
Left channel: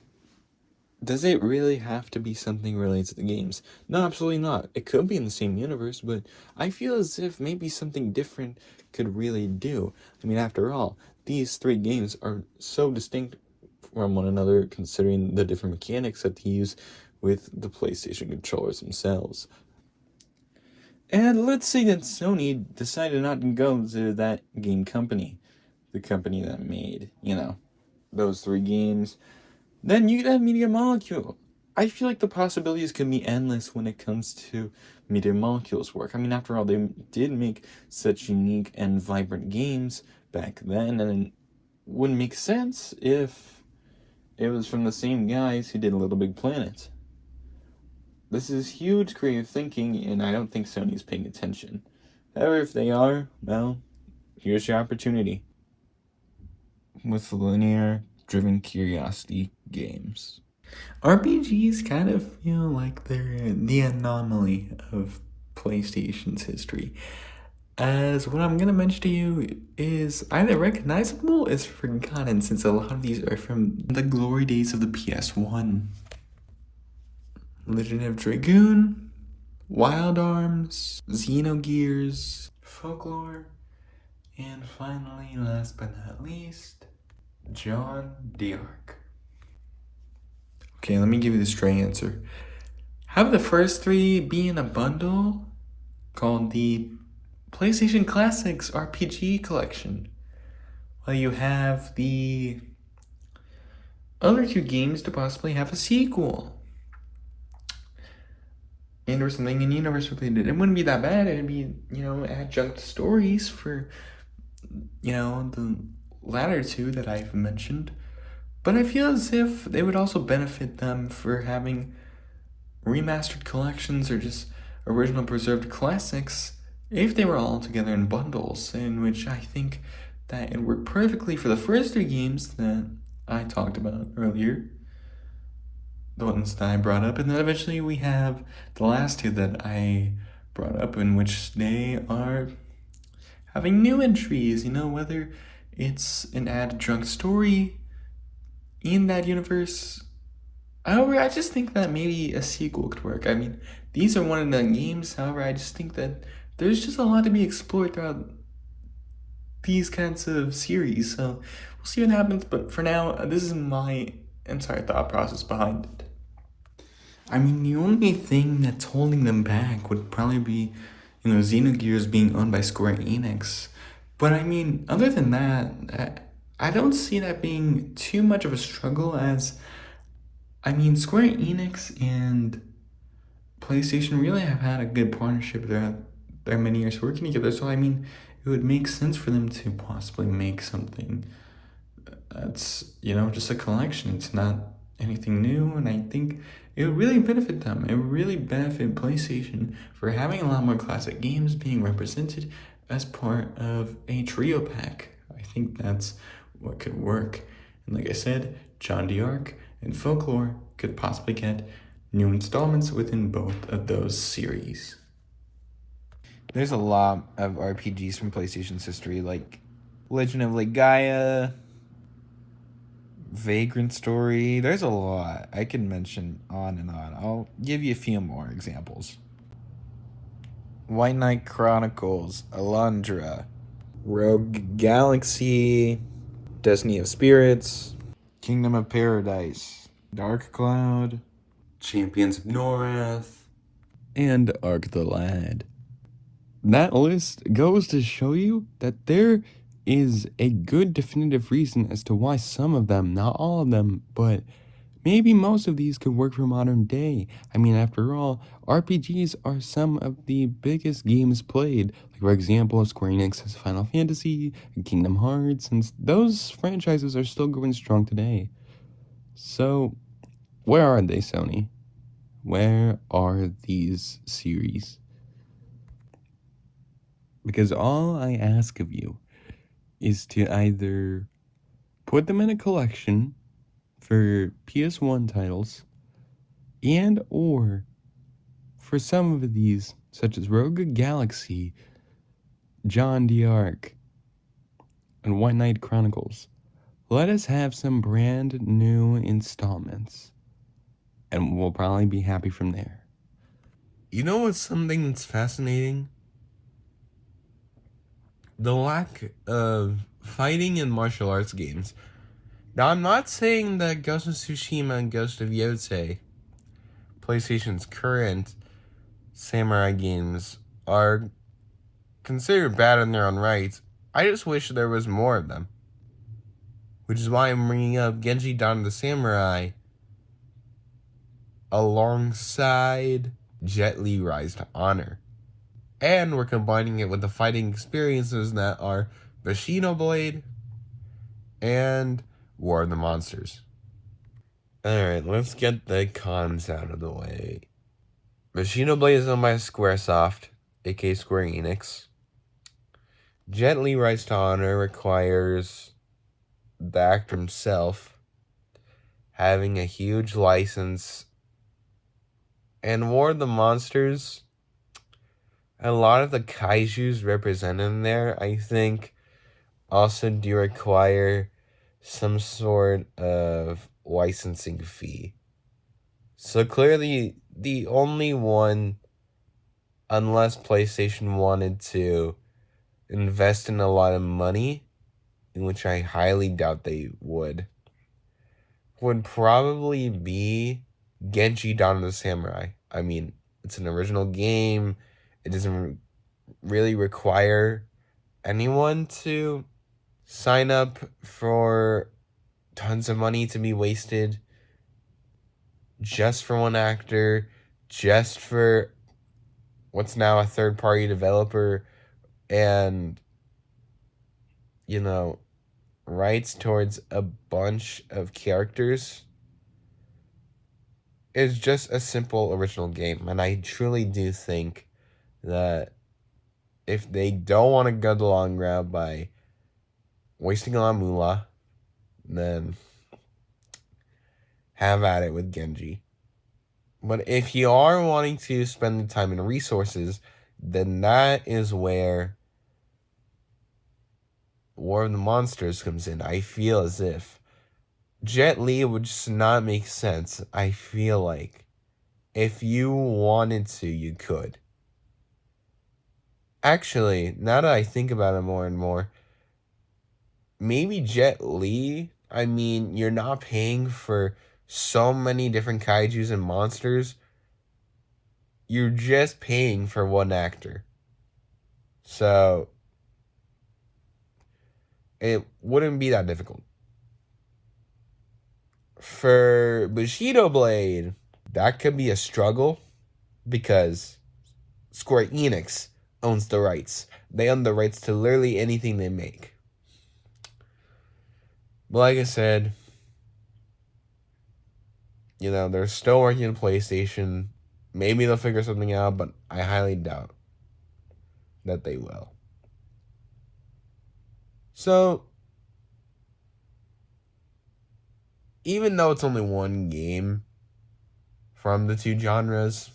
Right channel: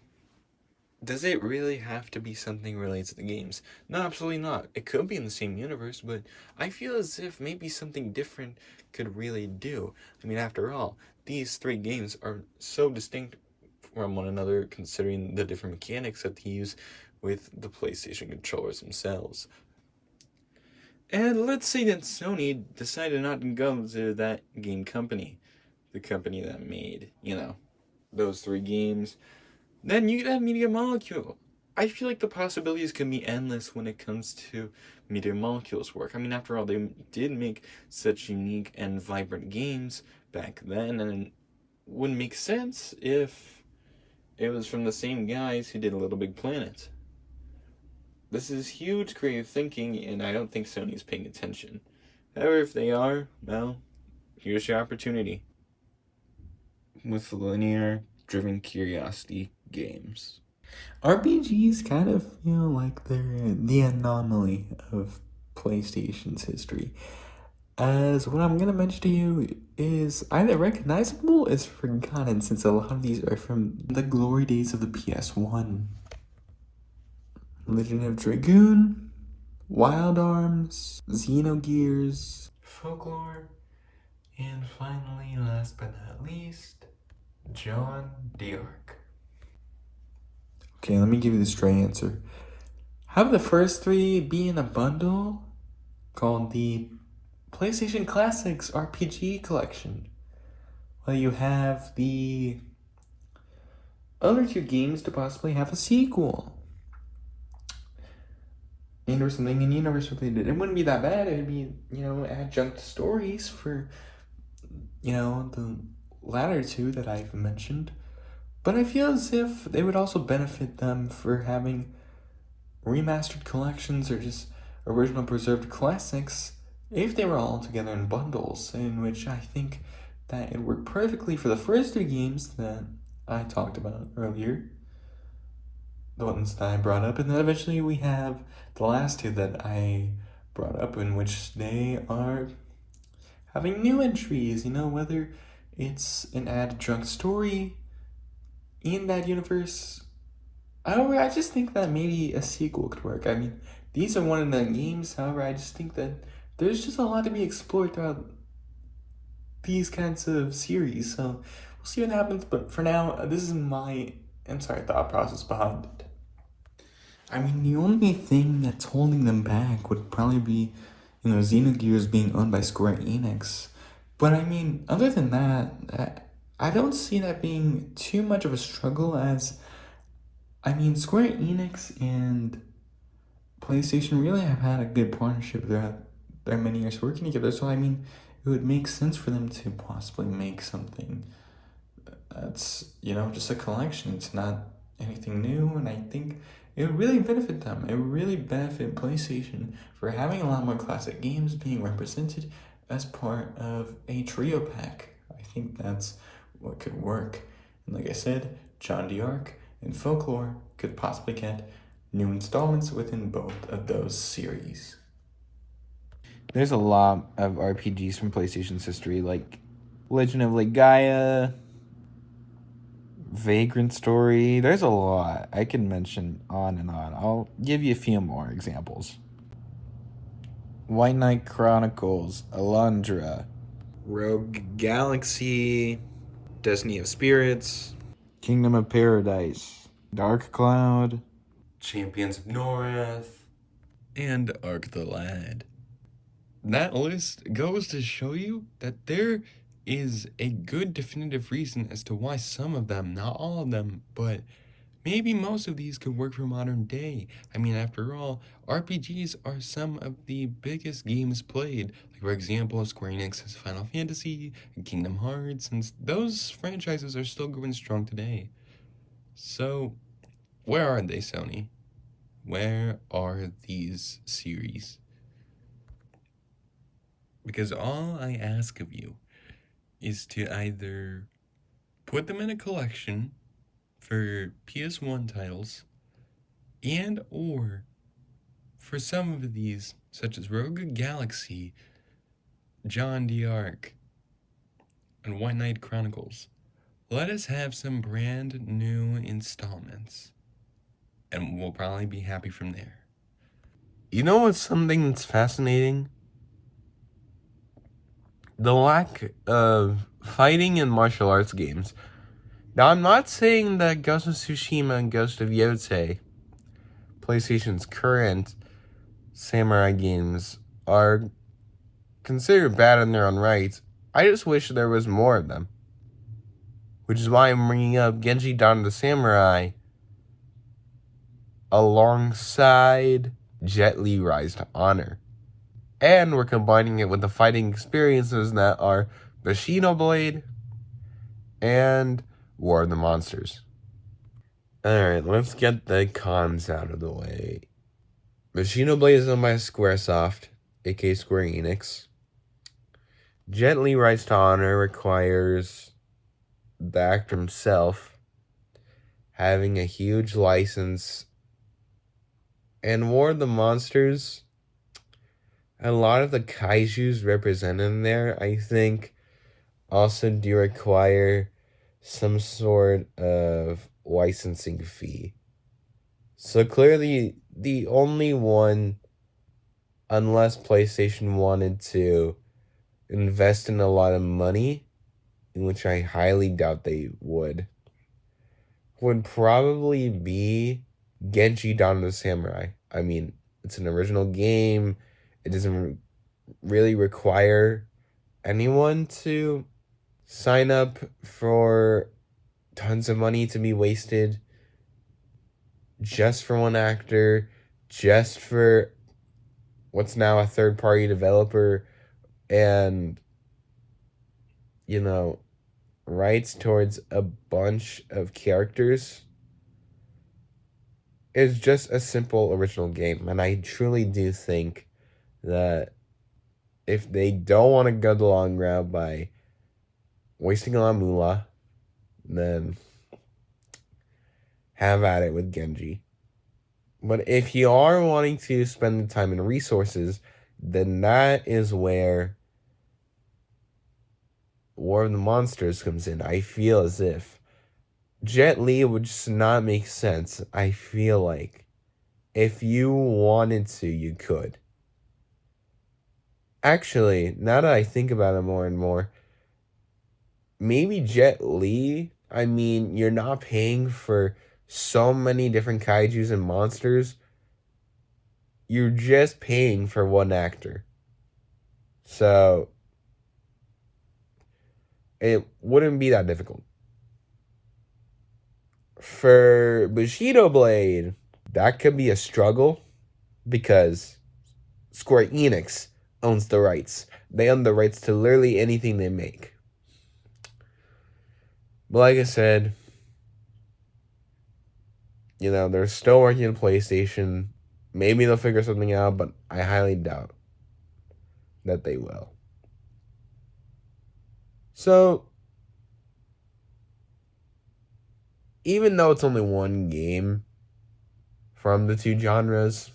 Does it really have to be something related to the games? No, absolutely not. It could be in the same universe, but I feel as if maybe something different could really do. I mean, after all, these three games are so distinct from one another considering the different mechanics that they use with the PlayStation controllers themselves. And let's say that Sony decided not to go to that game company, the company that made, those three games. Then you could have Media Molecule. I feel like the possibilities can be endless when it comes to Media Molecule's work. I mean, after all, they did make such unique and vibrant games back then, and it wouldn't make sense if it was from the same guys who did Little Big Planet. This is huge creative thinking, and I don't think Sony's paying attention. However, if they are, well, here's your opportunity. With linear driven curiosity games. RPGs kind of feel like they're the anomaly of PlayStation's history, as what I'm gonna mention to you is either recognizable or is forgotten, since a lot of these are from the glory days of the PS1. Legend of Dragoon, Wild Arms, Xenogears, Folklore, and finally, last but not least, John d'Arc. Okay, let me give you the straight answer. Have the first three be in a bundle called the PlayStation Classics RPG Collection. Well, you have the other two games to possibly have a sequel. And or something in universe related. It wouldn't be that bad. It'd be, adjunct stories for, the latter two that I've mentioned. But I feel as if they would also benefit them for having remastered collections or just original preserved classics if they were all together in bundles, in which I think that it worked perfectly for the first three games that I talked about earlier, the ones that I brought up, and then eventually we have the last two that I brought up, in which they are having new entries, whether it's an adjunct story in that universe. However, I just think that maybe a sequel could work. I mean, these are one of the games, however, I just think that there's just a lot to be explored throughout these kinds of series, so we'll see what happens, but for now, this is my thought process behind it. I mean, the only thing that's holding them back would probably be, Xenogears being owned by Square Enix. But I mean, other than that, I don't see that being too much of a struggle, as, Square Enix and PlayStation really have had a good partnership throughout their many years working together, so it would make sense for them to possibly make something that's, just a collection. It's not anything new, and I think it would really benefit them. It would really benefit PlayStation for having a lot more classic games being represented as part of a trio pack. I think that's what could work. And like I said, John D'Arc and Folklore could possibly get new installments within both of those series. There's a lot of RPGs from PlayStation's history, like Legend of Legaia, Vagrant Story. There's a lot. I can mention on and on. I'll give you a few more examples. White Knight Chronicles, Alundra, Rogue Galaxy, Destiny of Spirits, Kingdom of Paradise, Dark Cloud, Champions of North, and Ark the Lad. That list goes to show you that there is a good definitive reason as to why some of them, not all of them, but maybe most of these could work for modern day. I mean, after all, RPGs are some of the biggest games played. Like, for example, Square Enix has Final Fantasy and Kingdom Hearts, and those franchises are still going strong today. So, where are they, Sony? Where are these series? Because all I ask of you is to either put them in a collection for PS1 titles, and or for some of these, such as Rogue Galaxy, John D'Arc, and White Knight Chronicles, let us have some brand new installments, and we'll probably be happy from there. You know what's something that's fascinating? The lack of fighting in martial arts games. Now, I'm not saying that Ghost of Tsushima and Ghost of Yotei, PlayStation's current samurai games, are considered bad in their own rights. I just wish there was more of them. Which is why I'm bringing up Genji Dawn of the Samurai alongside Jet Li Rise to Honor. And we're combining it with the fighting experiences that are Bushido Blade and War of the Monsters. Alright, let's get the cons out of the way. Bushido Blade is owned by Squaresoft, aka Square Enix. Jet Li Rise to Honor requires the actor himself having a huge license. And War of the Monsters, a lot of the kaijus represented in there, I think, also do require some sort of licensing fee. So clearly, the only one, unless PlayStation wanted to invest in a lot of money, in which I highly doubt they would probably be Genji Dawn of the Samurai. I mean, it's an original game. It doesn't really require anyone to sign up for tons of money to be wasted just for one actor, just for what's now a third-party developer, and, rights towards a bunch of characters. Is just a simple original game, and I truly do think that if they don't want to go the long route by wasting a lot of moolah, then have at it with Genji. But if you are wanting to spend the time and resources, then that is where War of the Monsters comes in. I feel as if Jet Li would just not make sense. I feel like if you wanted to, you could. Actually, now that I think about it more and more, maybe Jet Li, I mean, you're not paying for so many different kaijus and monsters. You're just paying for one actor. So, it wouldn't be that difficult. For Bushido Blade, that could be a struggle because Square Enix owns the rights. They own the rights to literally anything they make. But like I said, they're still working on PlayStation. Maybe they'll figure something out, but I highly doubt that they will. So, even though it's only one game from the two genres,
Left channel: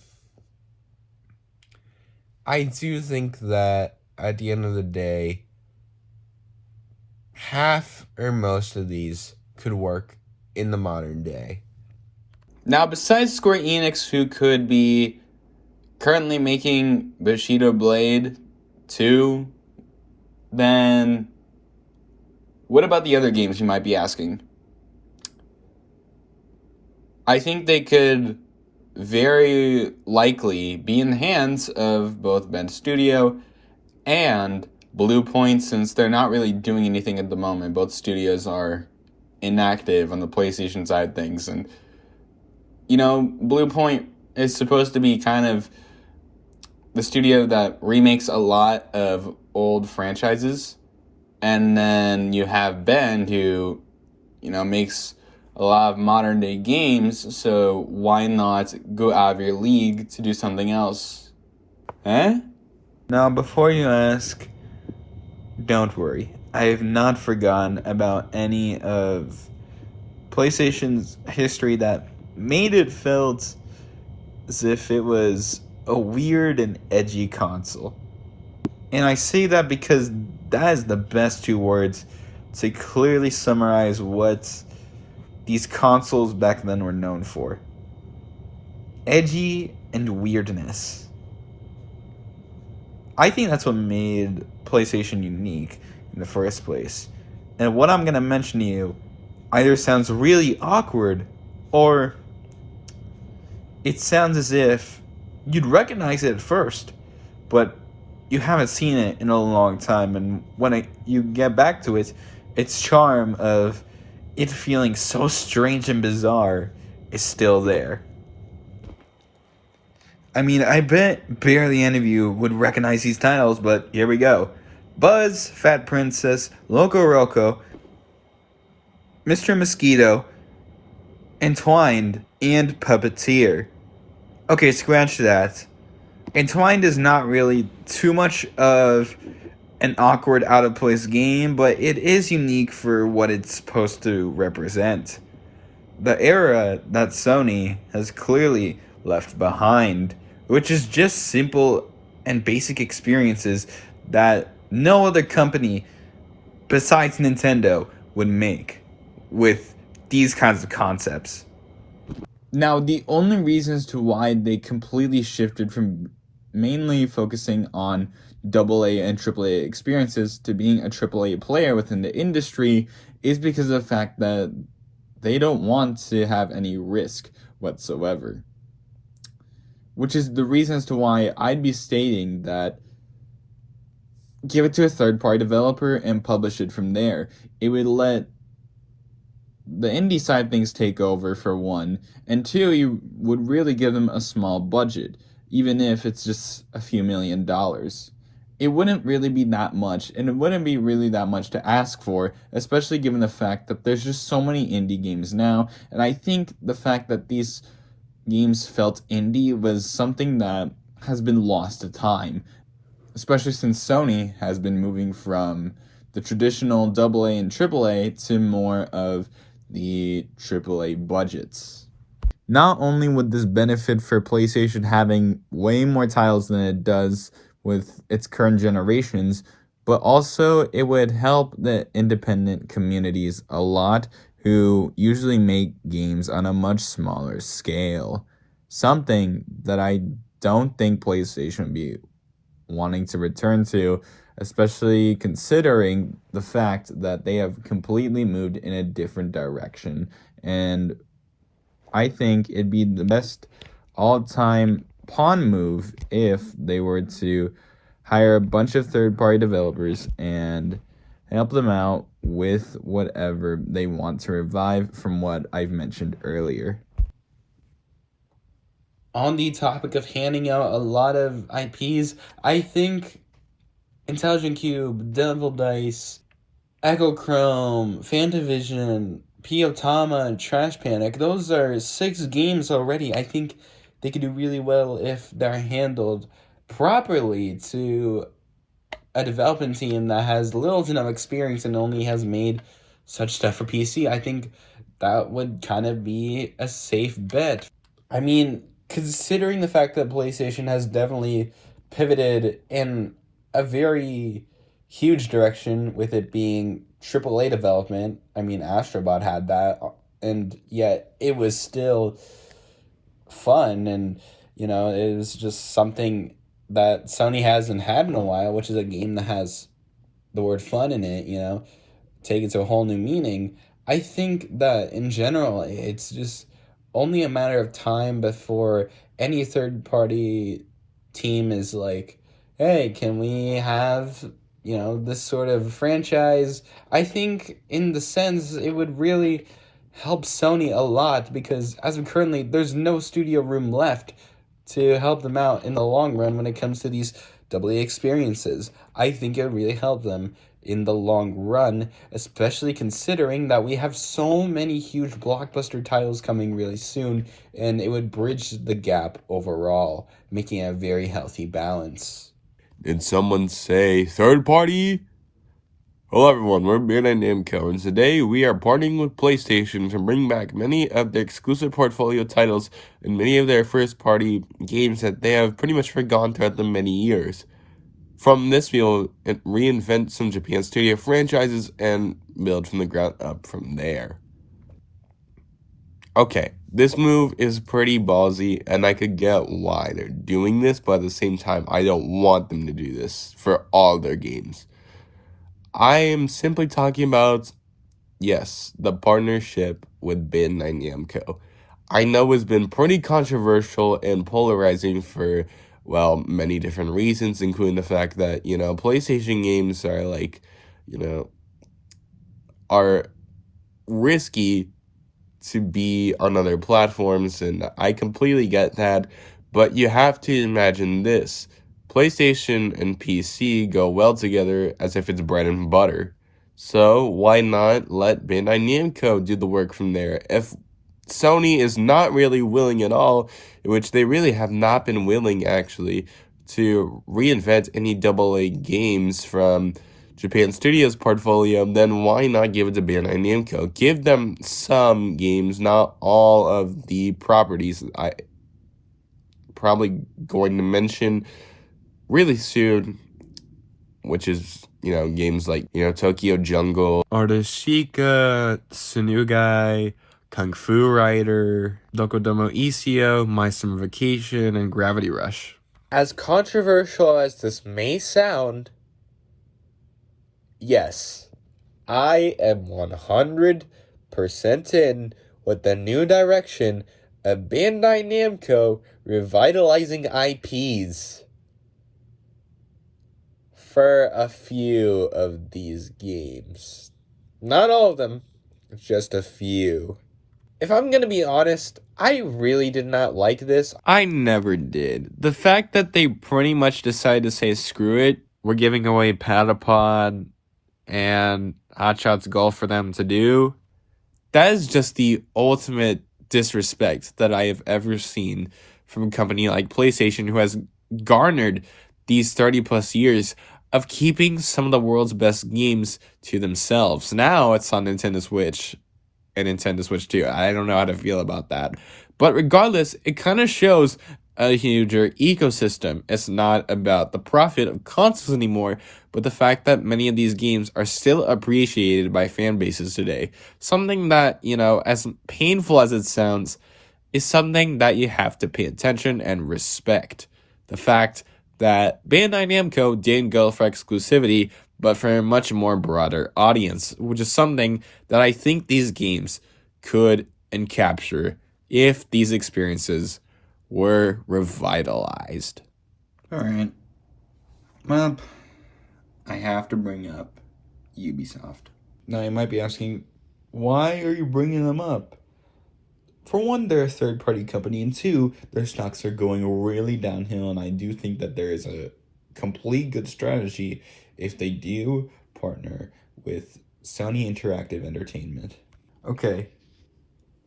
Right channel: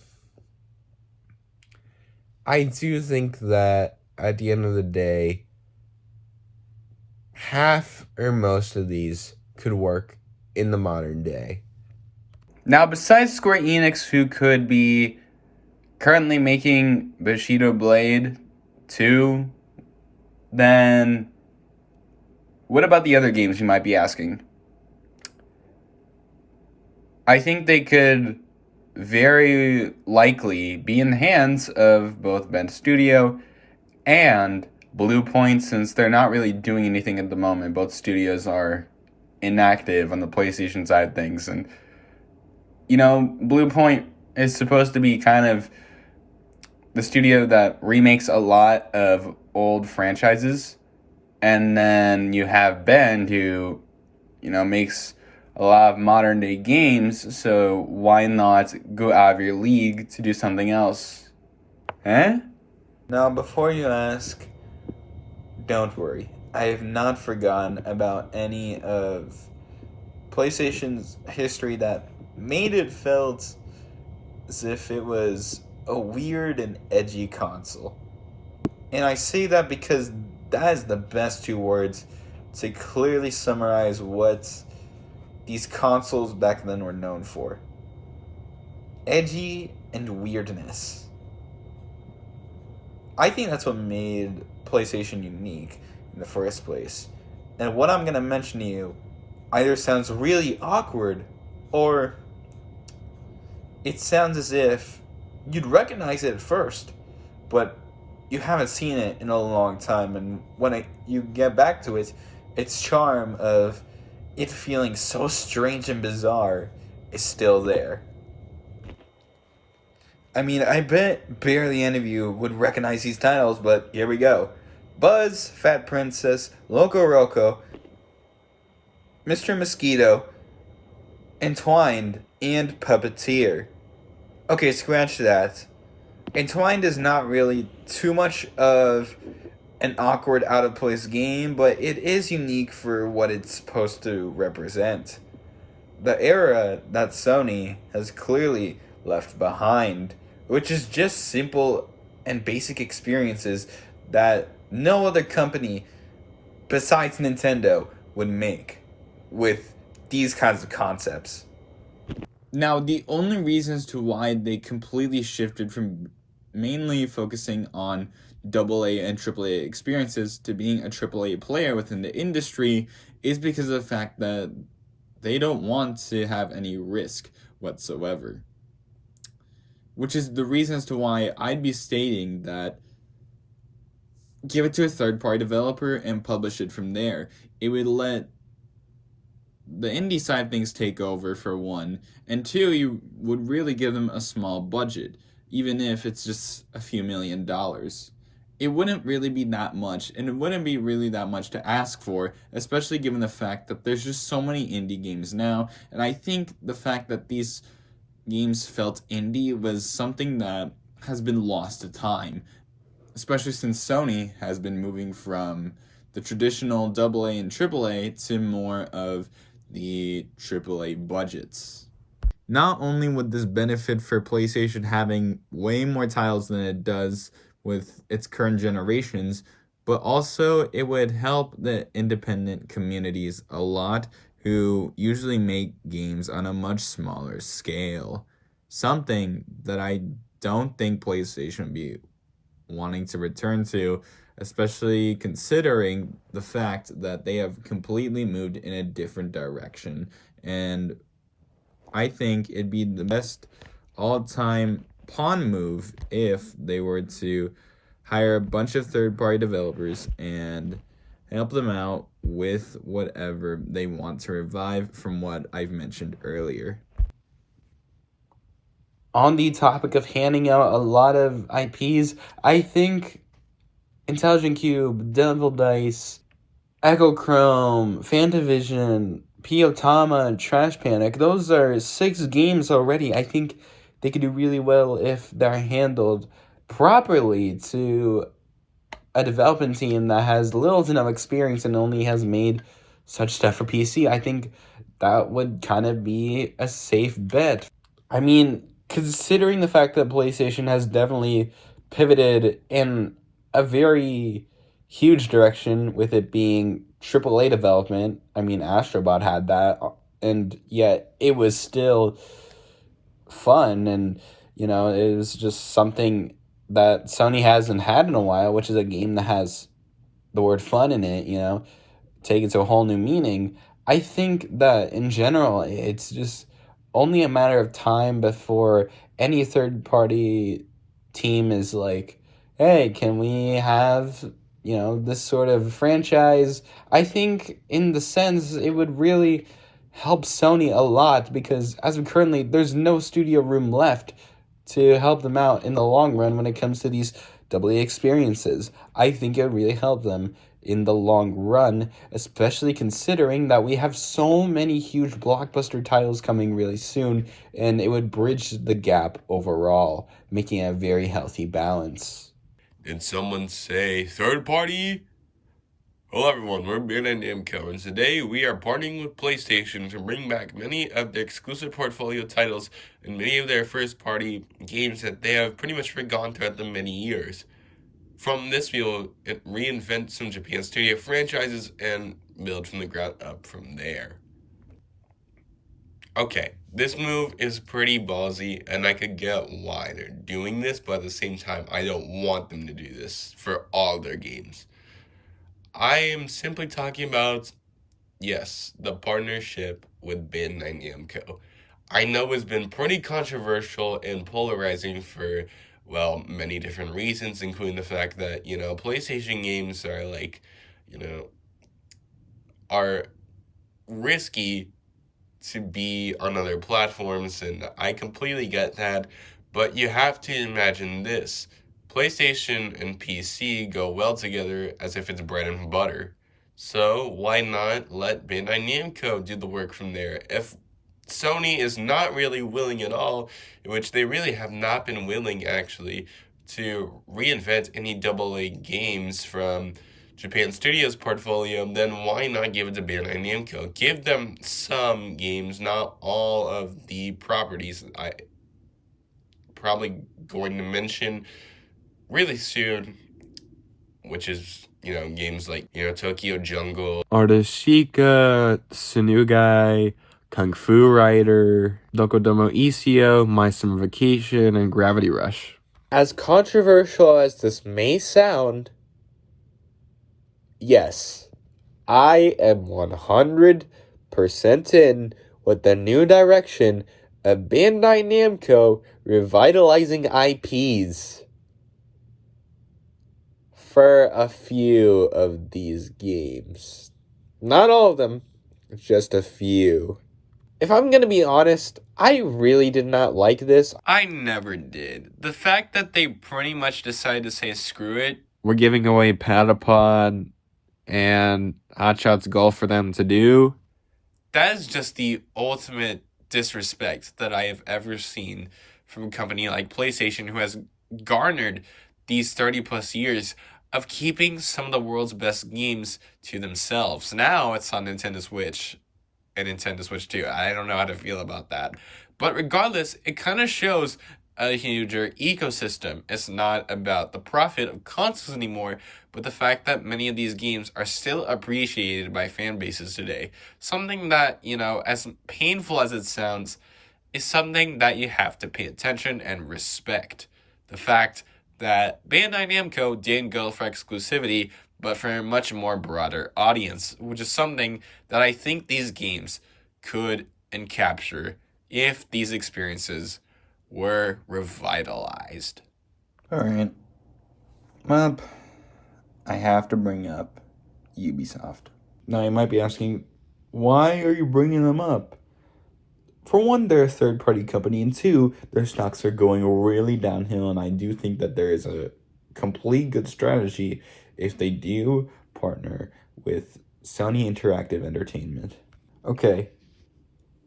I do think that at the end of the day, half or most of these could work in the modern day. Now, besides Square Enix, who could be currently making Bushido Blade 2, then what about the other games, you might be asking? I think they could very likely be in the hands of both Bend Studio and Blue Point, since they're not really doing anything at the moment. Both studios are inactive on the PlayStation side of things. And, Blue Point is supposed to be kind of the studio that remakes a lot of old franchises. And then you have Bend, who, makes a lot of modern day games, so why not go out of your league to do something else? Eh? Now, before you ask, don't worry. I have not forgotten about any of PlayStation's history that made it felt as if it was a weird and edgy console. And I say that because that is the best two words to clearly summarize what these consoles back then were known for. Edgy and weirdness. I think that's what made PlayStation unique in the first place. And what I'm going to mention to you either sounds really awkward or it sounds as if you'd recognize it at first, but you haven't seen it in a long time. And when you get back to it, its charm of it feeling so strange and bizarre is still there. I mean, I bet barely any of you would recognize these titles, but here we go. Buzz, Fat Princess, Loco Roco, Mr. Mosquito, Entwined, and Puppeteer. Okay, scratch that. Entwined is not really too much of an awkward, out-of-place game, but it is unique for what it's supposed to represent. The era that Sony has clearly left behind, which is just simple and basic experiences that no other company besides Nintendo would make with these kinds of concepts. Now, the only reasons to why they completely shifted from mainly focusing on AA and AAA experiences to being a AAA player within the industry is because of the fact that they don't want to have any risk whatsoever. Which is the reason as to why I'd be stating that give it to a third-party developer and publish it from there. It would let the indie side things take over, for one, and two, you would really give them a small budget, even if it's just a few $1,000,000. It wouldn't really be that much, and it wouldn't be really that much to ask for, especially given the fact that there's just so many indie games now, and I think the fact that these games felt indie was something that has been lost to time, especially since Sony has been moving from the traditional AA and AAA to more of the AAA budgets. Not only would this benefit for PlayStation having way more titles than it does with its current generations, but also it would help the independent communities a lot who usually make games on a much smaller scale. Something that I don't think PlayStation would be wanting to return to, especially considering the fact that they have completely moved in a different direction. And I think it'd be the best all-time pawn move if they were to hire a bunch of third-party developers and help them out with whatever they want to revive from what I've mentioned earlier. On the topic of handing out a lot of IPs, I think Intelligent Cube, Devil Dice, Echo Chrome, Fantavision, Piotama, Trash Panic, those are 6 games already. I think they could do really well if they're handled properly to a development team that has little to no experience and only has made such stuff for PC, I think that would kind of be a safe bet. I mean, considering the fact that PlayStation has definitely pivoted in a very huge direction with it being AAA development. I mean, ASTRO BOT had that, and yet it was still fun, and it was just something that Sony hasn't had in a while, which is a game that has the word fun in it, take it to a whole new meaning. I think that in general, it's just only a matter of time before any third party team is like, hey, can we have, this sort of franchise? I think in the sense it would really help Sony a lot because as of currently, there's no studio room left to help them out in the long run when it comes to these AA experiences. I think it would really help them in the long run, especially considering that we have so many huge blockbuster titles coming really soon, and it would bridge the gap overall, making a very healthy balance. Did someone say third party? Hello everyone, we're Bandai Namco, and today we are partnering with PlayStation to bring back many of their exclusive portfolio titles and many of their first-party games that they have pretty much forgotten throughout the many years. From this, we'll reinvent some Japan studio franchises and build from the ground up from there. Okay, this move is pretty ballsy, and I could get why they're doing this, but at the same time, I don't want them to do this for all their games. I am simply talking about, yes, the partnership with Bandai Namco. I know it's been pretty controversial and polarizing for, well, many different reasons, including the fact that, PlayStation games are are risky to be on other platforms, and I completely get that, but you have to imagine this. PlayStation and PC go well together as if it's bread and butter. So why not let Bandai Namco do the work from there? If Sony is not really willing at all, which they really have not been willing actually, to reinvent any AA games from Japan Studios portfolio, then why not give it to Bandai Namco? Give them some games, not all of the properties. I probably going to mention really soon, which is, games like, Tokyo Jungle, Artashika, Tsunugai, Kung Fu Rider, Dokodomo Isio, My Summer Vacation, and Gravity Rush. As controversial as this may sound, yes, I am 100% in with the new direction of Bandai Namco revitalizing IPs for a few of these games. Not all of them, just a few. If I'm gonna be honest, I really did not like this. I never did. The fact that they pretty much decided to say screw it, we're giving away Patapon and Hotshot's Golf for them to do, that is just the ultimate disrespect that I have ever seen from a company like PlayStation, who has garnered these 30 plus years of keeping some of the world's best games to themselves. Now it's on Nintendo Switch and Nintendo Switch 2. I don't know how to feel about that. But regardless, it kind of shows a huger ecosystem. It's not about the profit of consoles anymore, but the fact that many of these games are still appreciated by fan bases today. Something that, as painful as it sounds, is something that you have to pay attention and respect. The fact that Bandai Namco didn't go for exclusivity, but for a much more broader audience, which is something that I think these games could and capture if these experiences were revitalized. Alright. Well, I have to bring up Ubisoft. Now, you might be asking, why are you bringing them up? For one, they're a third-party company, and two, their stocks are going really downhill, and I do think that there is a complete good strategy if they do partner with Sony Interactive Entertainment. Okay,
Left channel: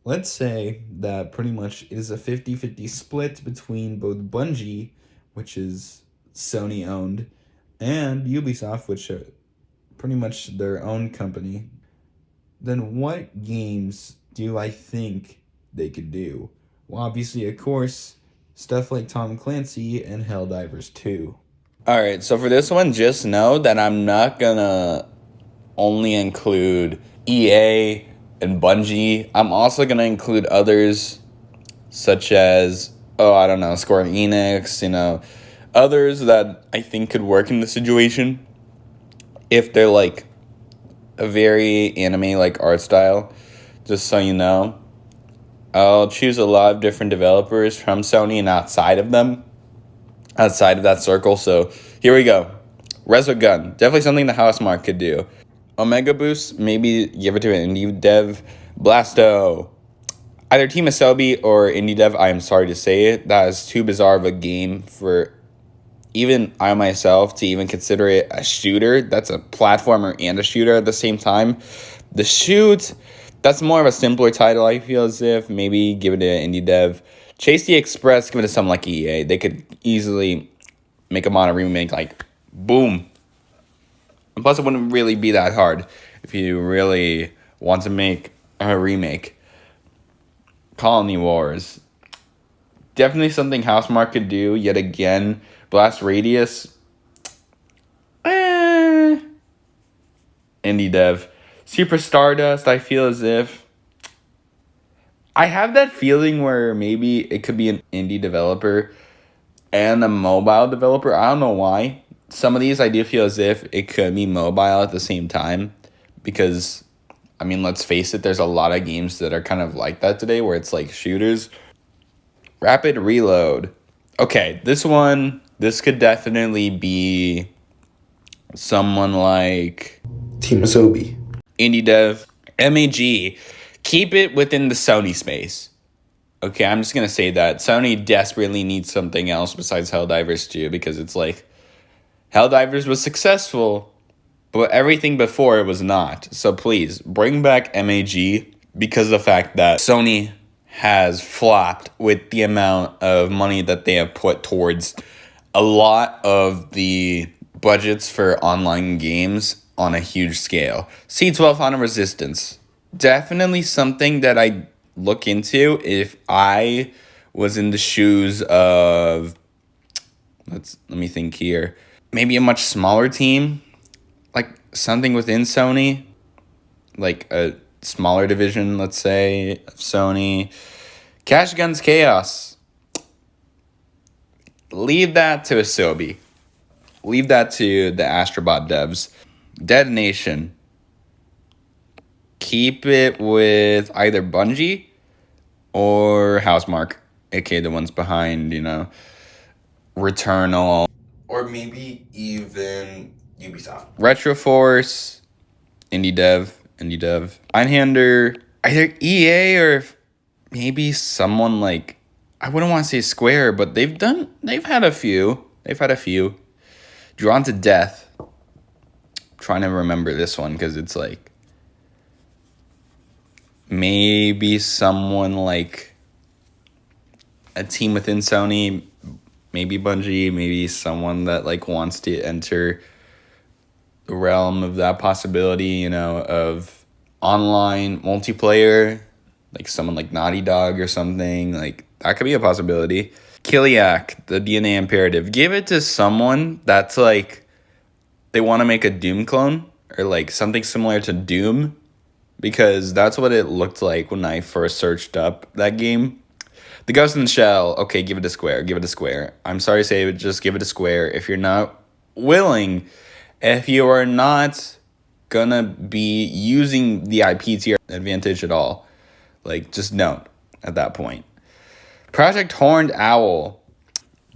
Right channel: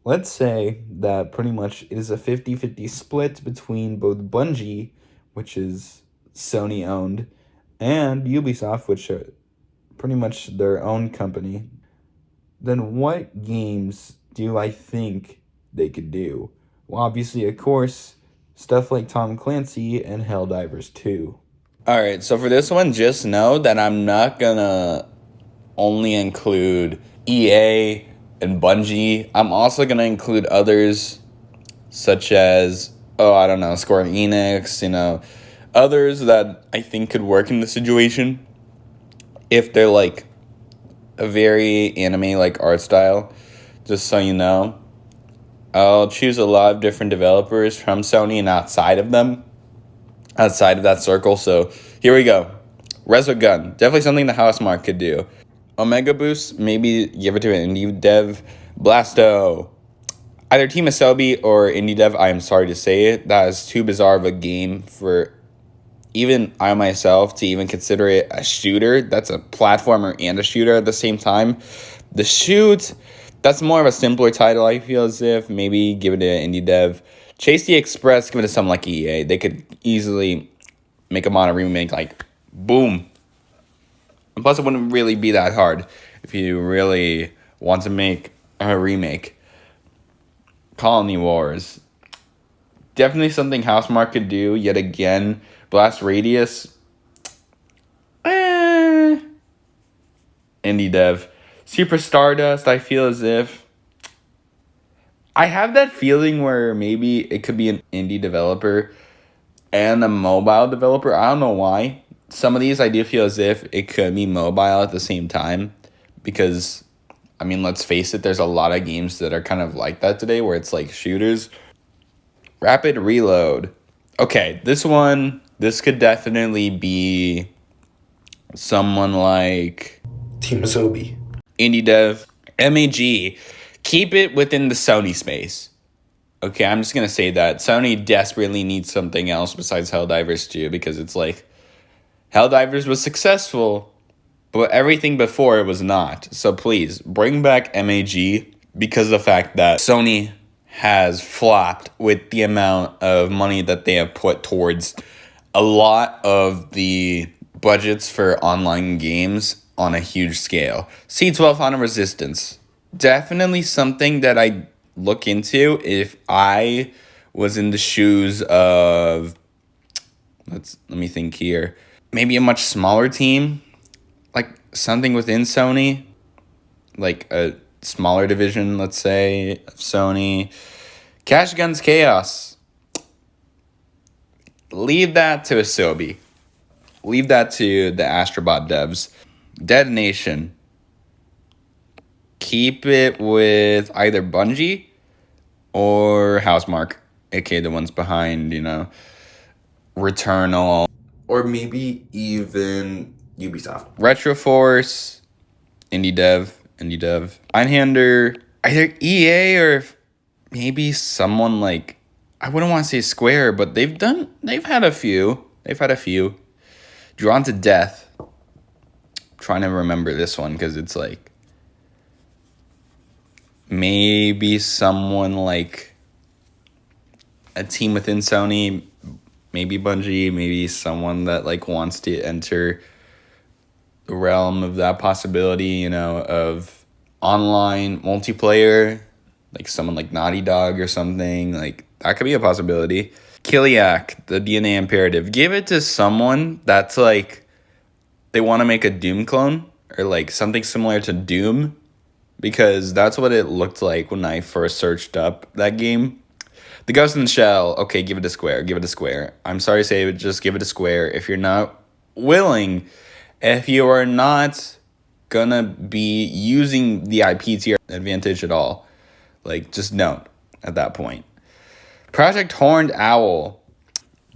let's say that pretty much it is a 50-50 split between both Bungie, which is Sony-owned, and Ubisoft, which are pretty much their own company, then what games do I think they could do? Well, obviously, of course, stuff like Tom Clancy and Helldivers 2. Alright, so for this one, just know that I'm not gonna only include EA and Bungie. I'm also gonna include others such as, I don't know, Square Enix, others that I think could work in the situation if they're like a very anime-like art style. Just so you know, I'll choose a lot of different developers from Sony and outside of that circle. So here we go. Resogun, definitely something the Housemarque could do. Omega Boost, maybe give it to an indie dev. Blasto, either Team Asobi or indie dev. I am sorry to say it, that is too bizarre of a game for even I myself to even consider it a shooter. That's a platformer and a shooter at the same time. The Shoot, that's more of a simpler title, I feel as if. Maybe give it to an indie dev. Chase the Express, give it to something like EA. They could easily make a mono remake, like, boom. And plus, it wouldn't really be that hard if you really want to make a remake. Colony Wars, definitely something Housemarque could do. Yet again, Blast Radius, indie dev. Super Stardust, I feel as if I have that feeling where maybe it could be an indie developer and a mobile developer. I don't know why. Some of these I do feel as if it could be mobile at the same time, because I mean, let's face it, there's a lot of games that are kind of like that today where it's like shooters. Rapid Reload. Okay, this could definitely be someone like Team Asobi. indie dev. MAG, keep it within the Sony space. Okay, I'm just going to say that. Sony desperately needs something else besides Helldivers 2, because it's like, Helldivers was successful, but everything before it was not. So please, bring back MAG, because of the fact that Sony has flopped with the amount of money that they have put towards a lot of the budgets for online games on a huge scale. C1200 Resistance, definitely something that I look into if I was in the shoes of, let me think here, maybe a much smaller team, like something within Sony, like a smaller division, let's say, of Sony. Cash Guns Chaos, leave that to Asobi. Leave that to the ASTRO BOT devs. Detonation, keep it with either Bungie or Housemarque, aka the ones behind, Returnal. Or maybe even Ubisoft. Retroforce, indie dev. Einhander, either EA or maybe someone like, I wouldn't want to say Square, but they've had a few. Drawn to Death. Trying to remember this one because it's like maybe someone like a team within Sony, maybe Bungie, maybe someone that like wants to enter the realm of that possibility, of online multiplayer, like someone like Naughty Dog or something. Like that could be a possibility. Kiliak, the DNA Imperative, give it to someone that's like, they want to make a Doom clone or like something similar to Doom, because that's what it looked like when I first searched up that game. The Ghost in the Shell, okay, give it to Square. I'm sorry to say it, just give it to Square. If you're not willing, if you are not gonna be using the IP to your advantage at all, like, just don't at that point. Project Horned Owl,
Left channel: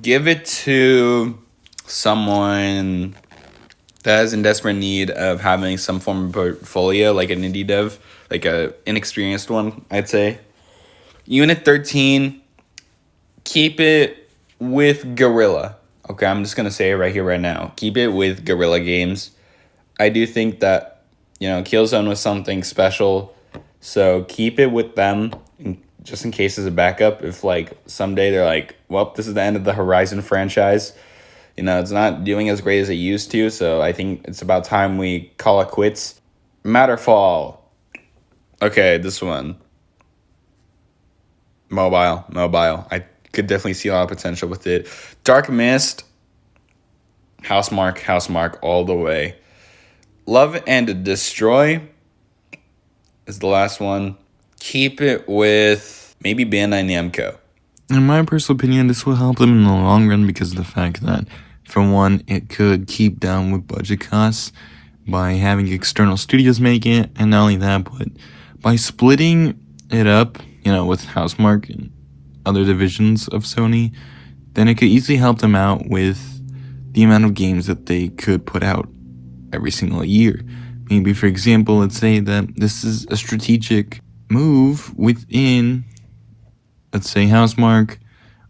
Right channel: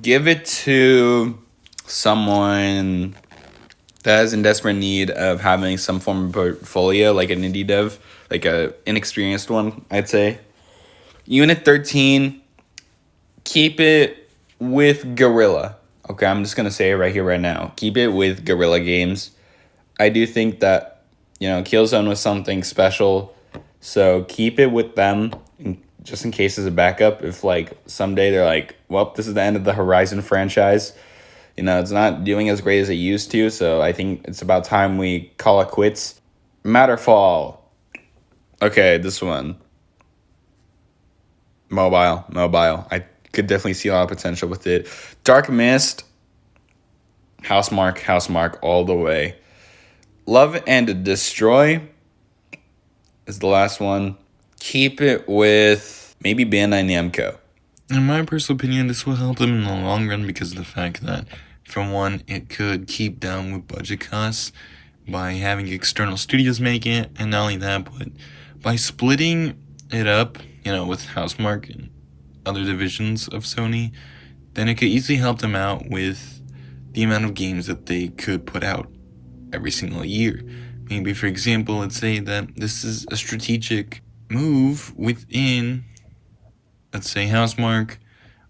give it to someone that is in desperate need of having some form of portfolio, like an indie dev, like a inexperienced one, I'd say. Unit 13, keep it with Guerrilla. Okay, I'm just going to say it right here, right now. Keep it with Guerrilla Games. I do think that, Killzone was something special, so keep it with them, just in case as a backup. If, like, someday they're like, well, this is the end of the Horizon franchise, It's not doing as great as it used to, so I think it's about time we call it quits. Matterfall. Okay, this one. Mobile. I could definitely see a lot of potential with it. Dark Mist. Housemark all the way. Love and Destroy is the last one. Keep it with maybe Bandai Namco. In my personal opinion, this will help them in the long run because of the fact that, for one, it could keep down with budget costs by having external studios make it, and not only that, but by splitting it up, with Housemark and other divisions of Sony, then it could easily help them out with the amount of games that they could put out every single year. Maybe, for example, let's say that this is a strategic move within, let's say, Housemark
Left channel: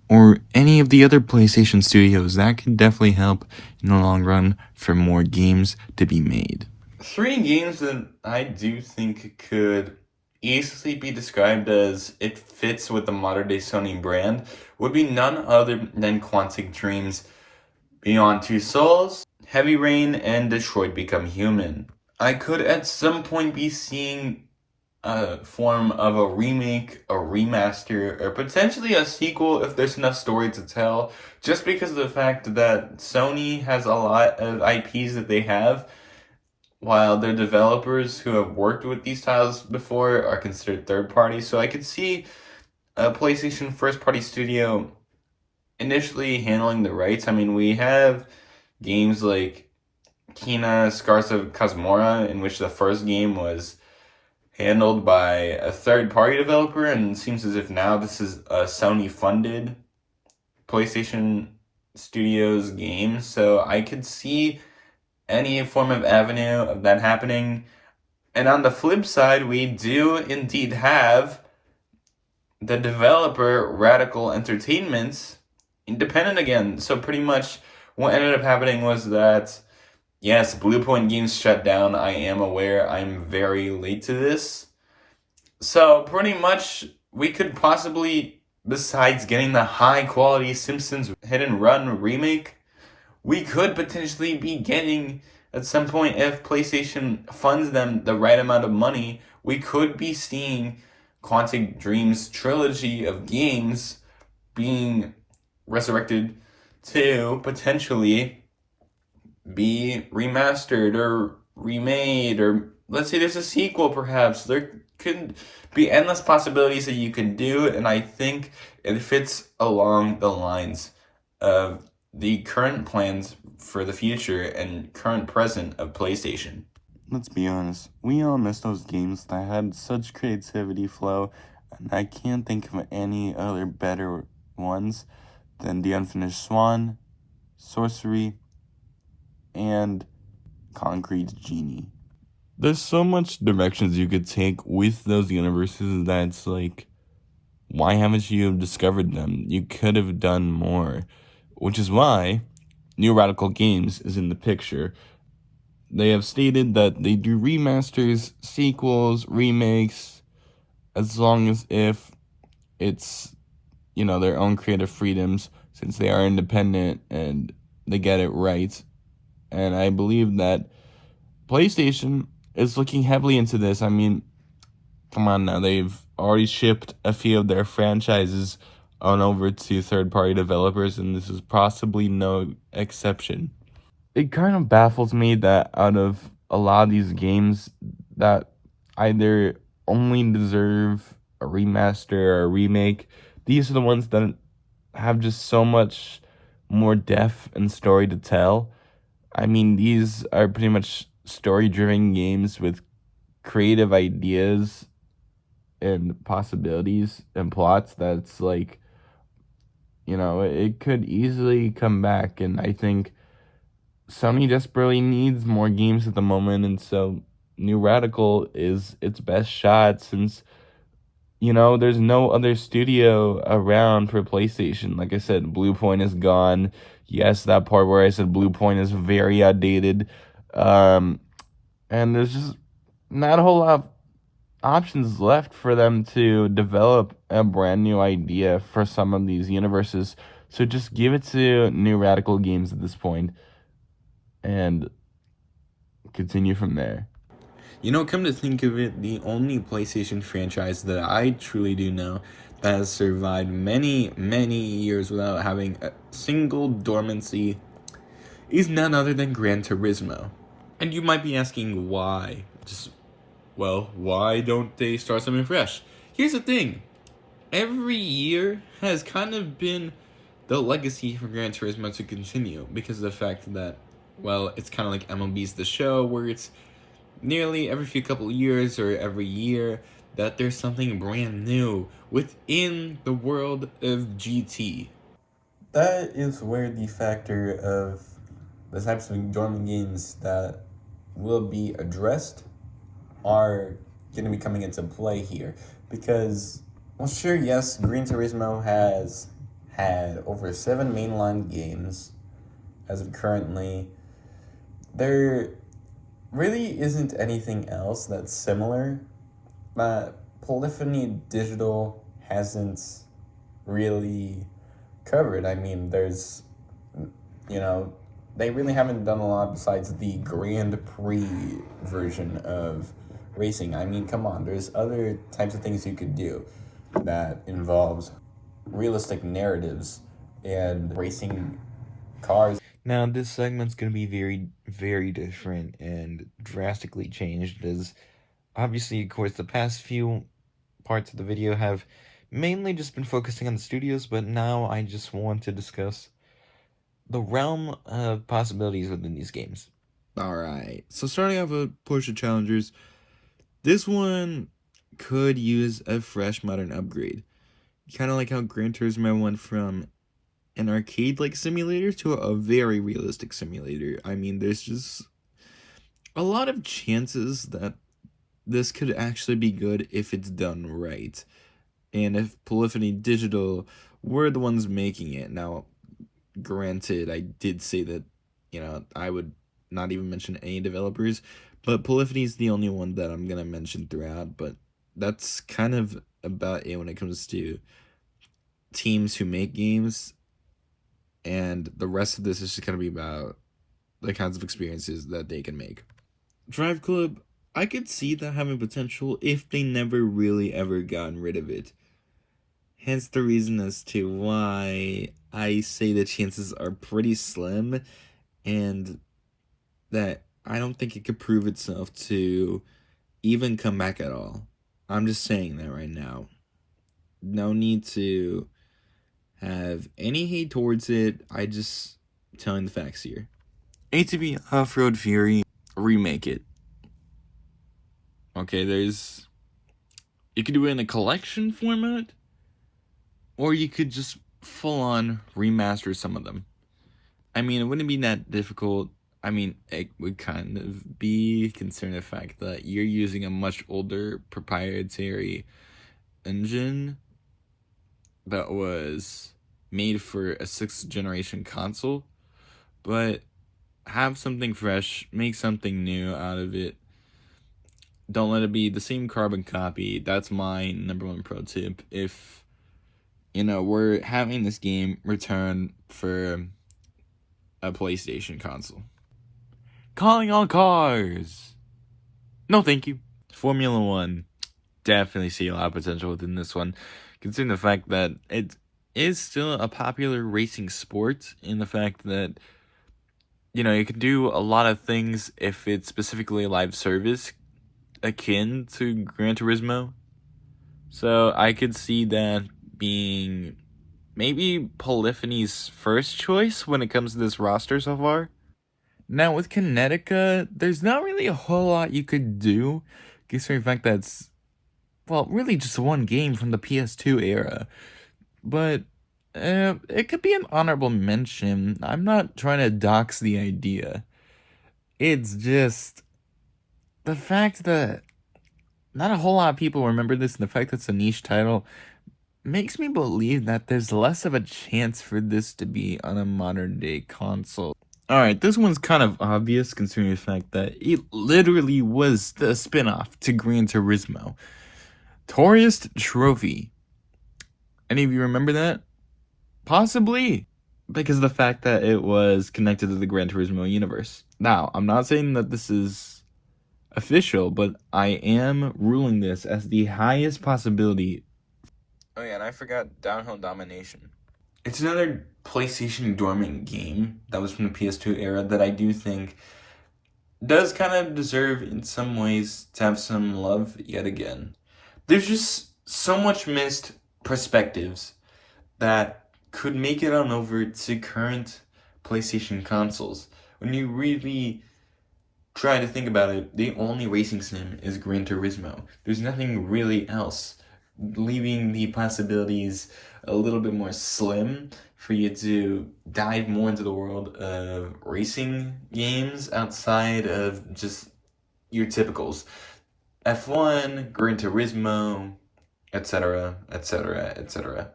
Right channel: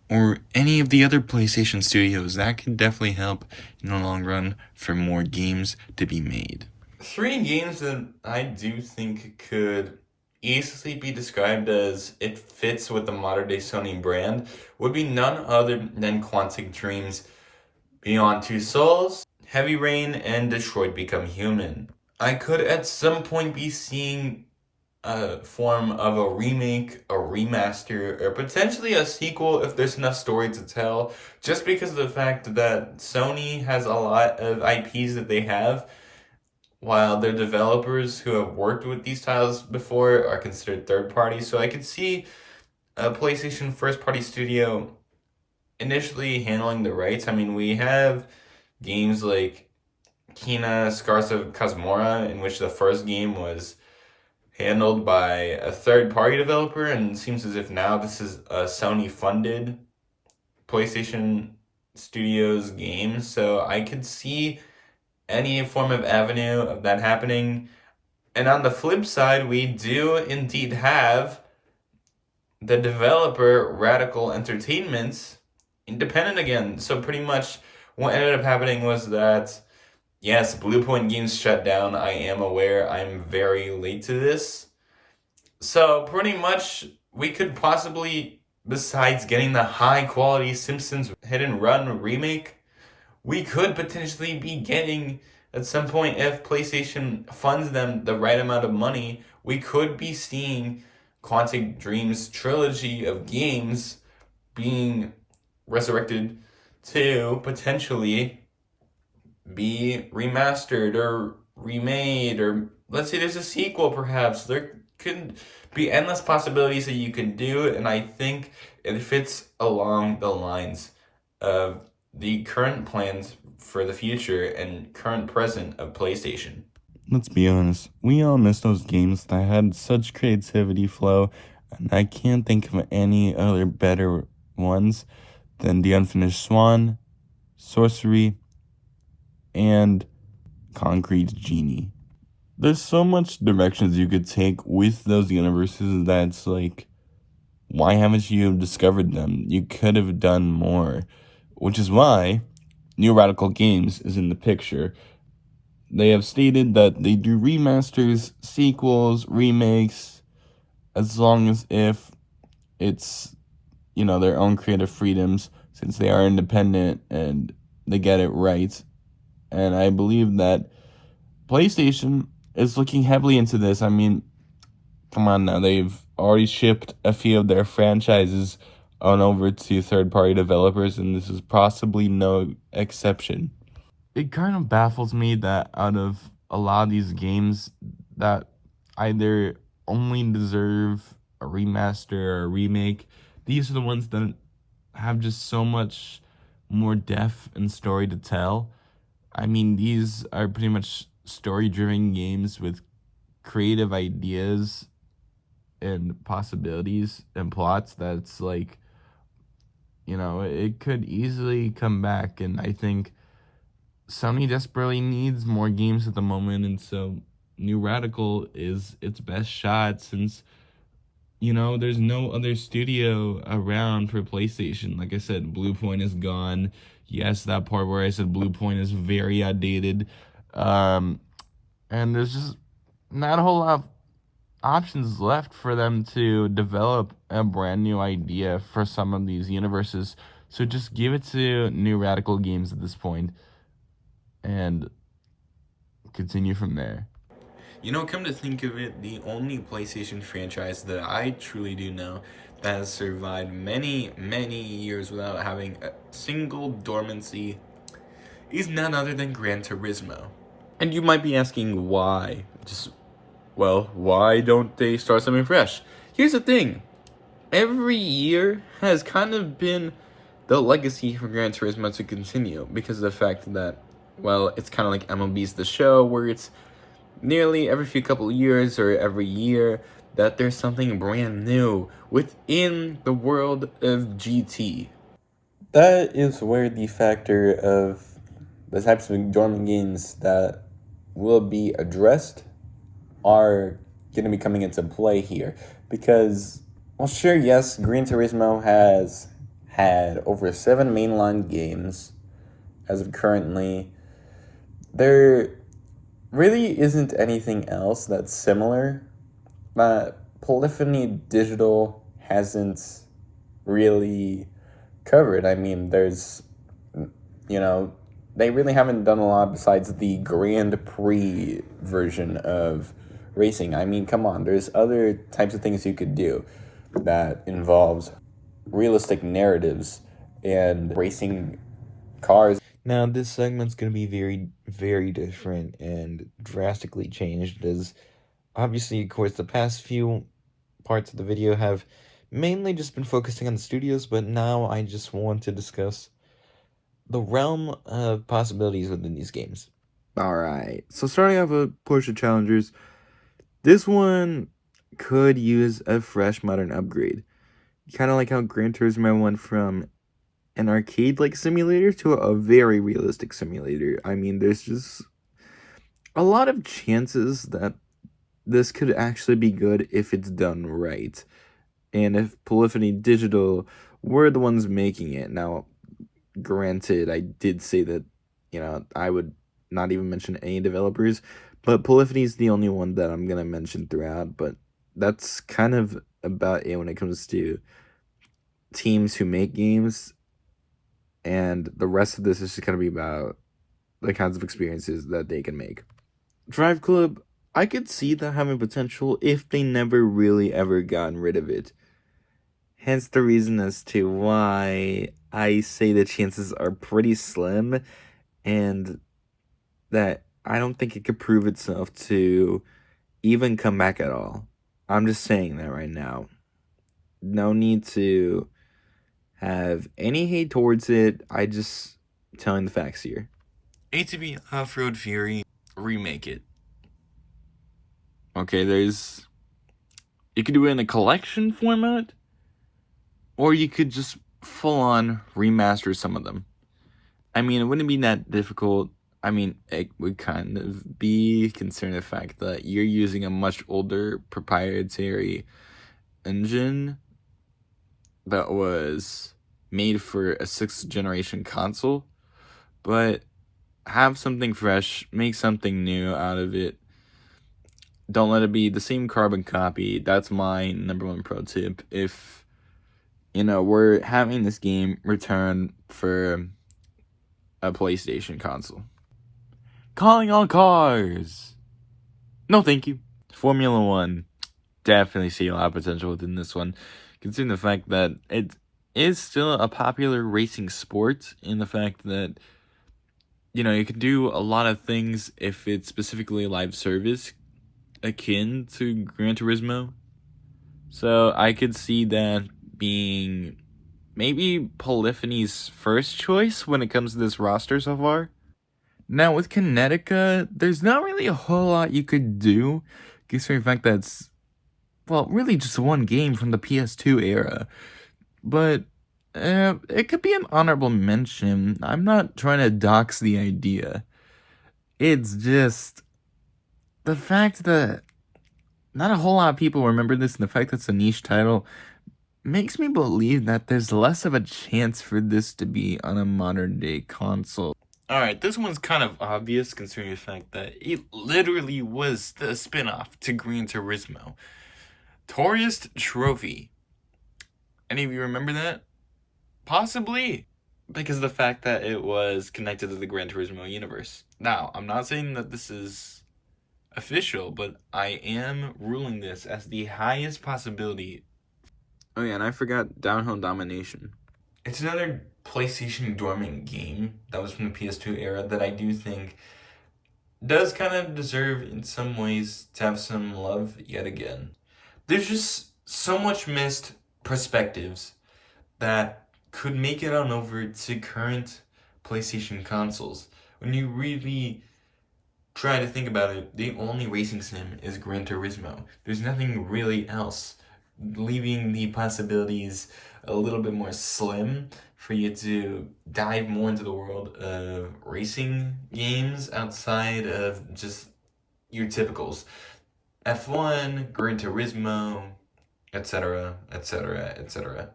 or any of the other PlayStation studios. That could definitely help in the long run for more games to be made. 3 games that I do think could easily be described as it fits with the modern day Sony brand would be none other than Quantic Dream's Beyond Two Souls, Heavy Rain, and Detroit Become Human. I could at some point be seeing a form of a remake, a remaster, or potentially a sequel if there's enough story to tell, just because of the fact that Sony has a lot of IPs that they have, while their developers who have worked with these titles before are considered third party. So I could see a PlayStation first party studio initially handling the rights. I mean, we have games like Kena Scars of Kazumora, in which the first game was handled by a third-party developer, and it seems as if now this is a Sony-funded PlayStation Studios game, so I could see any form of avenue of that happening. And on the flip side, we do indeed have the developer Radical Entertainment, independent again. So pretty much what ended up happening was that, yes, Bluepoint Games shut down. I am aware. I'm very late to this. So pretty much we could possibly, besides getting the high quality Simpsons Hit and Run remake, we could potentially be getting, at some point, if PlayStation funds them the right amount of money, we could be seeing Quantic Dream's trilogy of games being resurrected to potentially be remastered or remade, or let's say there's a sequel perhaps. There could be endless possibilities that you can do, and I think it fits along the lines of the current plans for the future and current present of PlayStation. Let's be honest, we all miss those games that had such creativity flow, and I can't think of any other better ones than The Unfinished Swan, Sorcery, and Concrete Genie. There's so much directions you could take with those universes that's like, why haven't you discovered them? You could have done more, which is why New Radical Games is in the picture. They have stated that they do remasters, sequels, remakes, as long as if it's, their own creative freedoms, since they are independent and they get it right. And I believe that PlayStation is looking heavily into this. I mean, come on now, they've already shipped a few of their franchises on over to third-party developers, and this is possibly no exception. It kind of baffles me that out of a lot of these games that either only deserve a remaster or a remake, these are the ones that have just so much more depth and story to tell. I mean, these are pretty much story-driven games with creative ideas and possibilities and plots that's like, it could easily come back. And I think Sony desperately needs more games at the moment, and so New Radical is its best shot, since there's no other studio around for PlayStation. Like I said, Bluepoint is gone. Yes, that part where I said Bluepoint is very outdated. And there's just not a whole lot of options left for them to develop a brand new idea for some of these universes. So just give it to New Radical Games at this point and continue from there. You know, come to think of it, the only PlayStation franchise that I truly do know that has survived many, many years without having a single dormancy is none other than Gran Turismo. And you might be asking why. Why don't they start something fresh? Here's the thing. Every year has kind of been the legacy for Gran Turismo to continue because of the fact that, well, it's kind of like MLB's The Show, where it's nearly every few couple of years or every year that there's something brand new within the world of GT. That is where the factor of the types of dormant games that will be addressed are going to be coming into play here. Because, well, sure, yes, Gran Turismo has had over 7 mainline games as of currently. There really isn't anything else that's similar. Polyphony Digital hasn't really covered. I mean, there's, they really haven't done a lot besides the Grand Prix version of racing. I mean, come on, there's other types of things you could do that involves realistic narratives and racing cars. Now, this segment's going to be very, very different and drastically changed, as obviously, of course, the past few parts of the video have mainly just been focusing on the studios, but now I just want to discuss the realm of possibilities within these games. Alright, so starting off with Porsche Challengers, this one could use a fresh modern upgrade. Kind of like how Gran Turismo went from an arcade-like simulator to a very realistic simulator. I mean, there's just a lot of chances that this could actually be good if it's done right. And if Polyphony Digital were the ones making it. Now, granted, I did say that, I would not even mention any developers, but Polyphony is the only one that I'm going to mention throughout, but that's kind of about it when it comes to teams who make games. And the rest of this is just going to be about the kinds of experiences that they can make. Drive Club, I could see that having potential if they never really ever gotten rid of it. Hence the reason as to why I say the chances are pretty slim and that I don't think it could prove itself to even come back at all. I'm just saying that right now. No need to have any hate towards it. I just telling the facts here. ATV Off-Road Fury, remake it. Okay, you could do it in a collection format, or you could just full-on remaster some of them. I mean, it wouldn't be that difficult. I mean, it would kind of be considering the fact that you're using a much older proprietary engine that was made for a 6th generation console, but have something fresh, make something new out of it. Don't let it be the same carbon copy. That's my number one pro tip. If, we're having this game return for a PlayStation console. Calling all cars! No, thank you. Formula 1. Definitely see a lot of potential within this one, considering the fact that it is still a popular racing sport, in the fact that, you can do a lot of things if it's specifically live service, akin to Gran Turismo. So I could see that being maybe Polyphony's first choice when it comes to this roster so far. Now with Kinetica, there's not really a whole lot you could do, considering the fact that it's, really just one game from the PS2 era. But it could be an honorable mention. I'm not trying to dox the idea. It's just the fact that not a whole lot of people remember this, and the fact that it's a niche title makes me believe that there's less of a chance for this to be on a modern day console. Alright, this one's kind of obvious considering the fact that it literally was the spin-off to Gran Turismo. Tourist Trophy. Any of you remember that? Possibly. Because of the fact that it was connected to the Gran Turismo universe. Now, I'm not saying that this is official, but I am ruling this as the highest possibility. Oh yeah, and I forgot Downhill Domination. It's another PlayStation dormant game that was from the PS2 era that I do think does kind of deserve, in some ways, to have some love yet again. There's just so much missed perspectives that could make it on over to current PlayStation consoles. When you really try to think about it, the only racing sim is Gran Turismo. There's nothing really else, leaving the possibilities a little bit more slim for you to dive more into the world of racing games outside of just your typicals. F1, Gran Turismo, etc., etc., etc.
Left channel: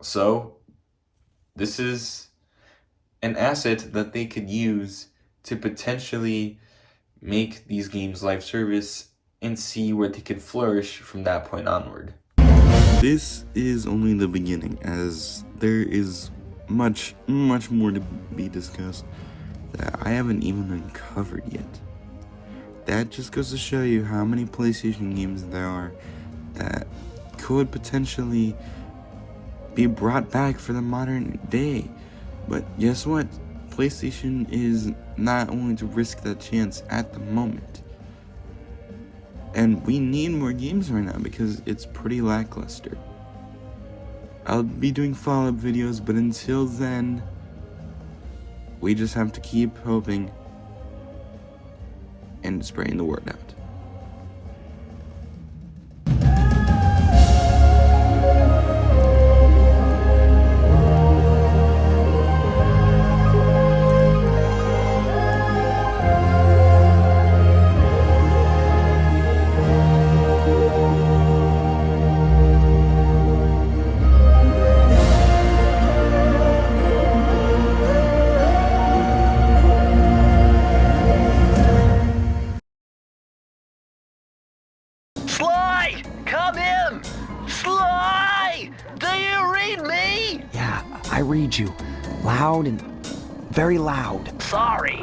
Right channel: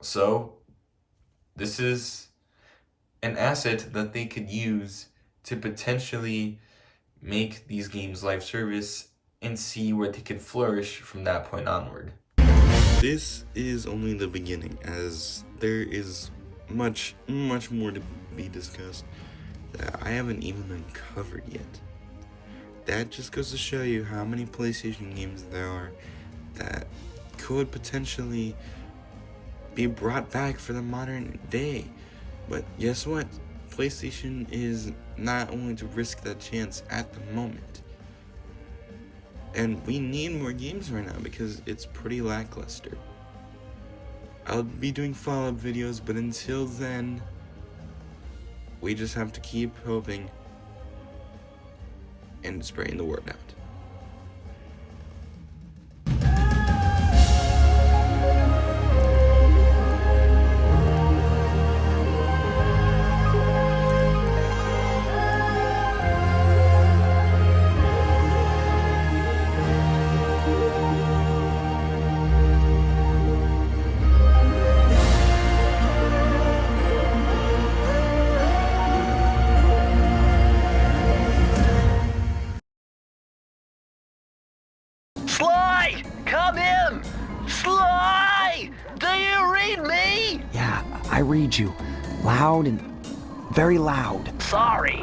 So, this is an asset that they could use to potentially make these games live service and see where they could flourish from that point onward. This is only the beginning, as there is much more to be discussed that I haven't even uncovered yet. That just goes to show you how many PlayStation games there are that could potentially be brought back for the modern day. But guess what? PlayStation is not going to risk that chance at the moment. And we need more games right now because it's pretty lackluster. I'll be doing follow-up videos, but until then, we just have to keep hoping and spreading the word out. Sly! Come in! Sly! Do you read me? Yeah, I read you. Loud and very loud. Sorry,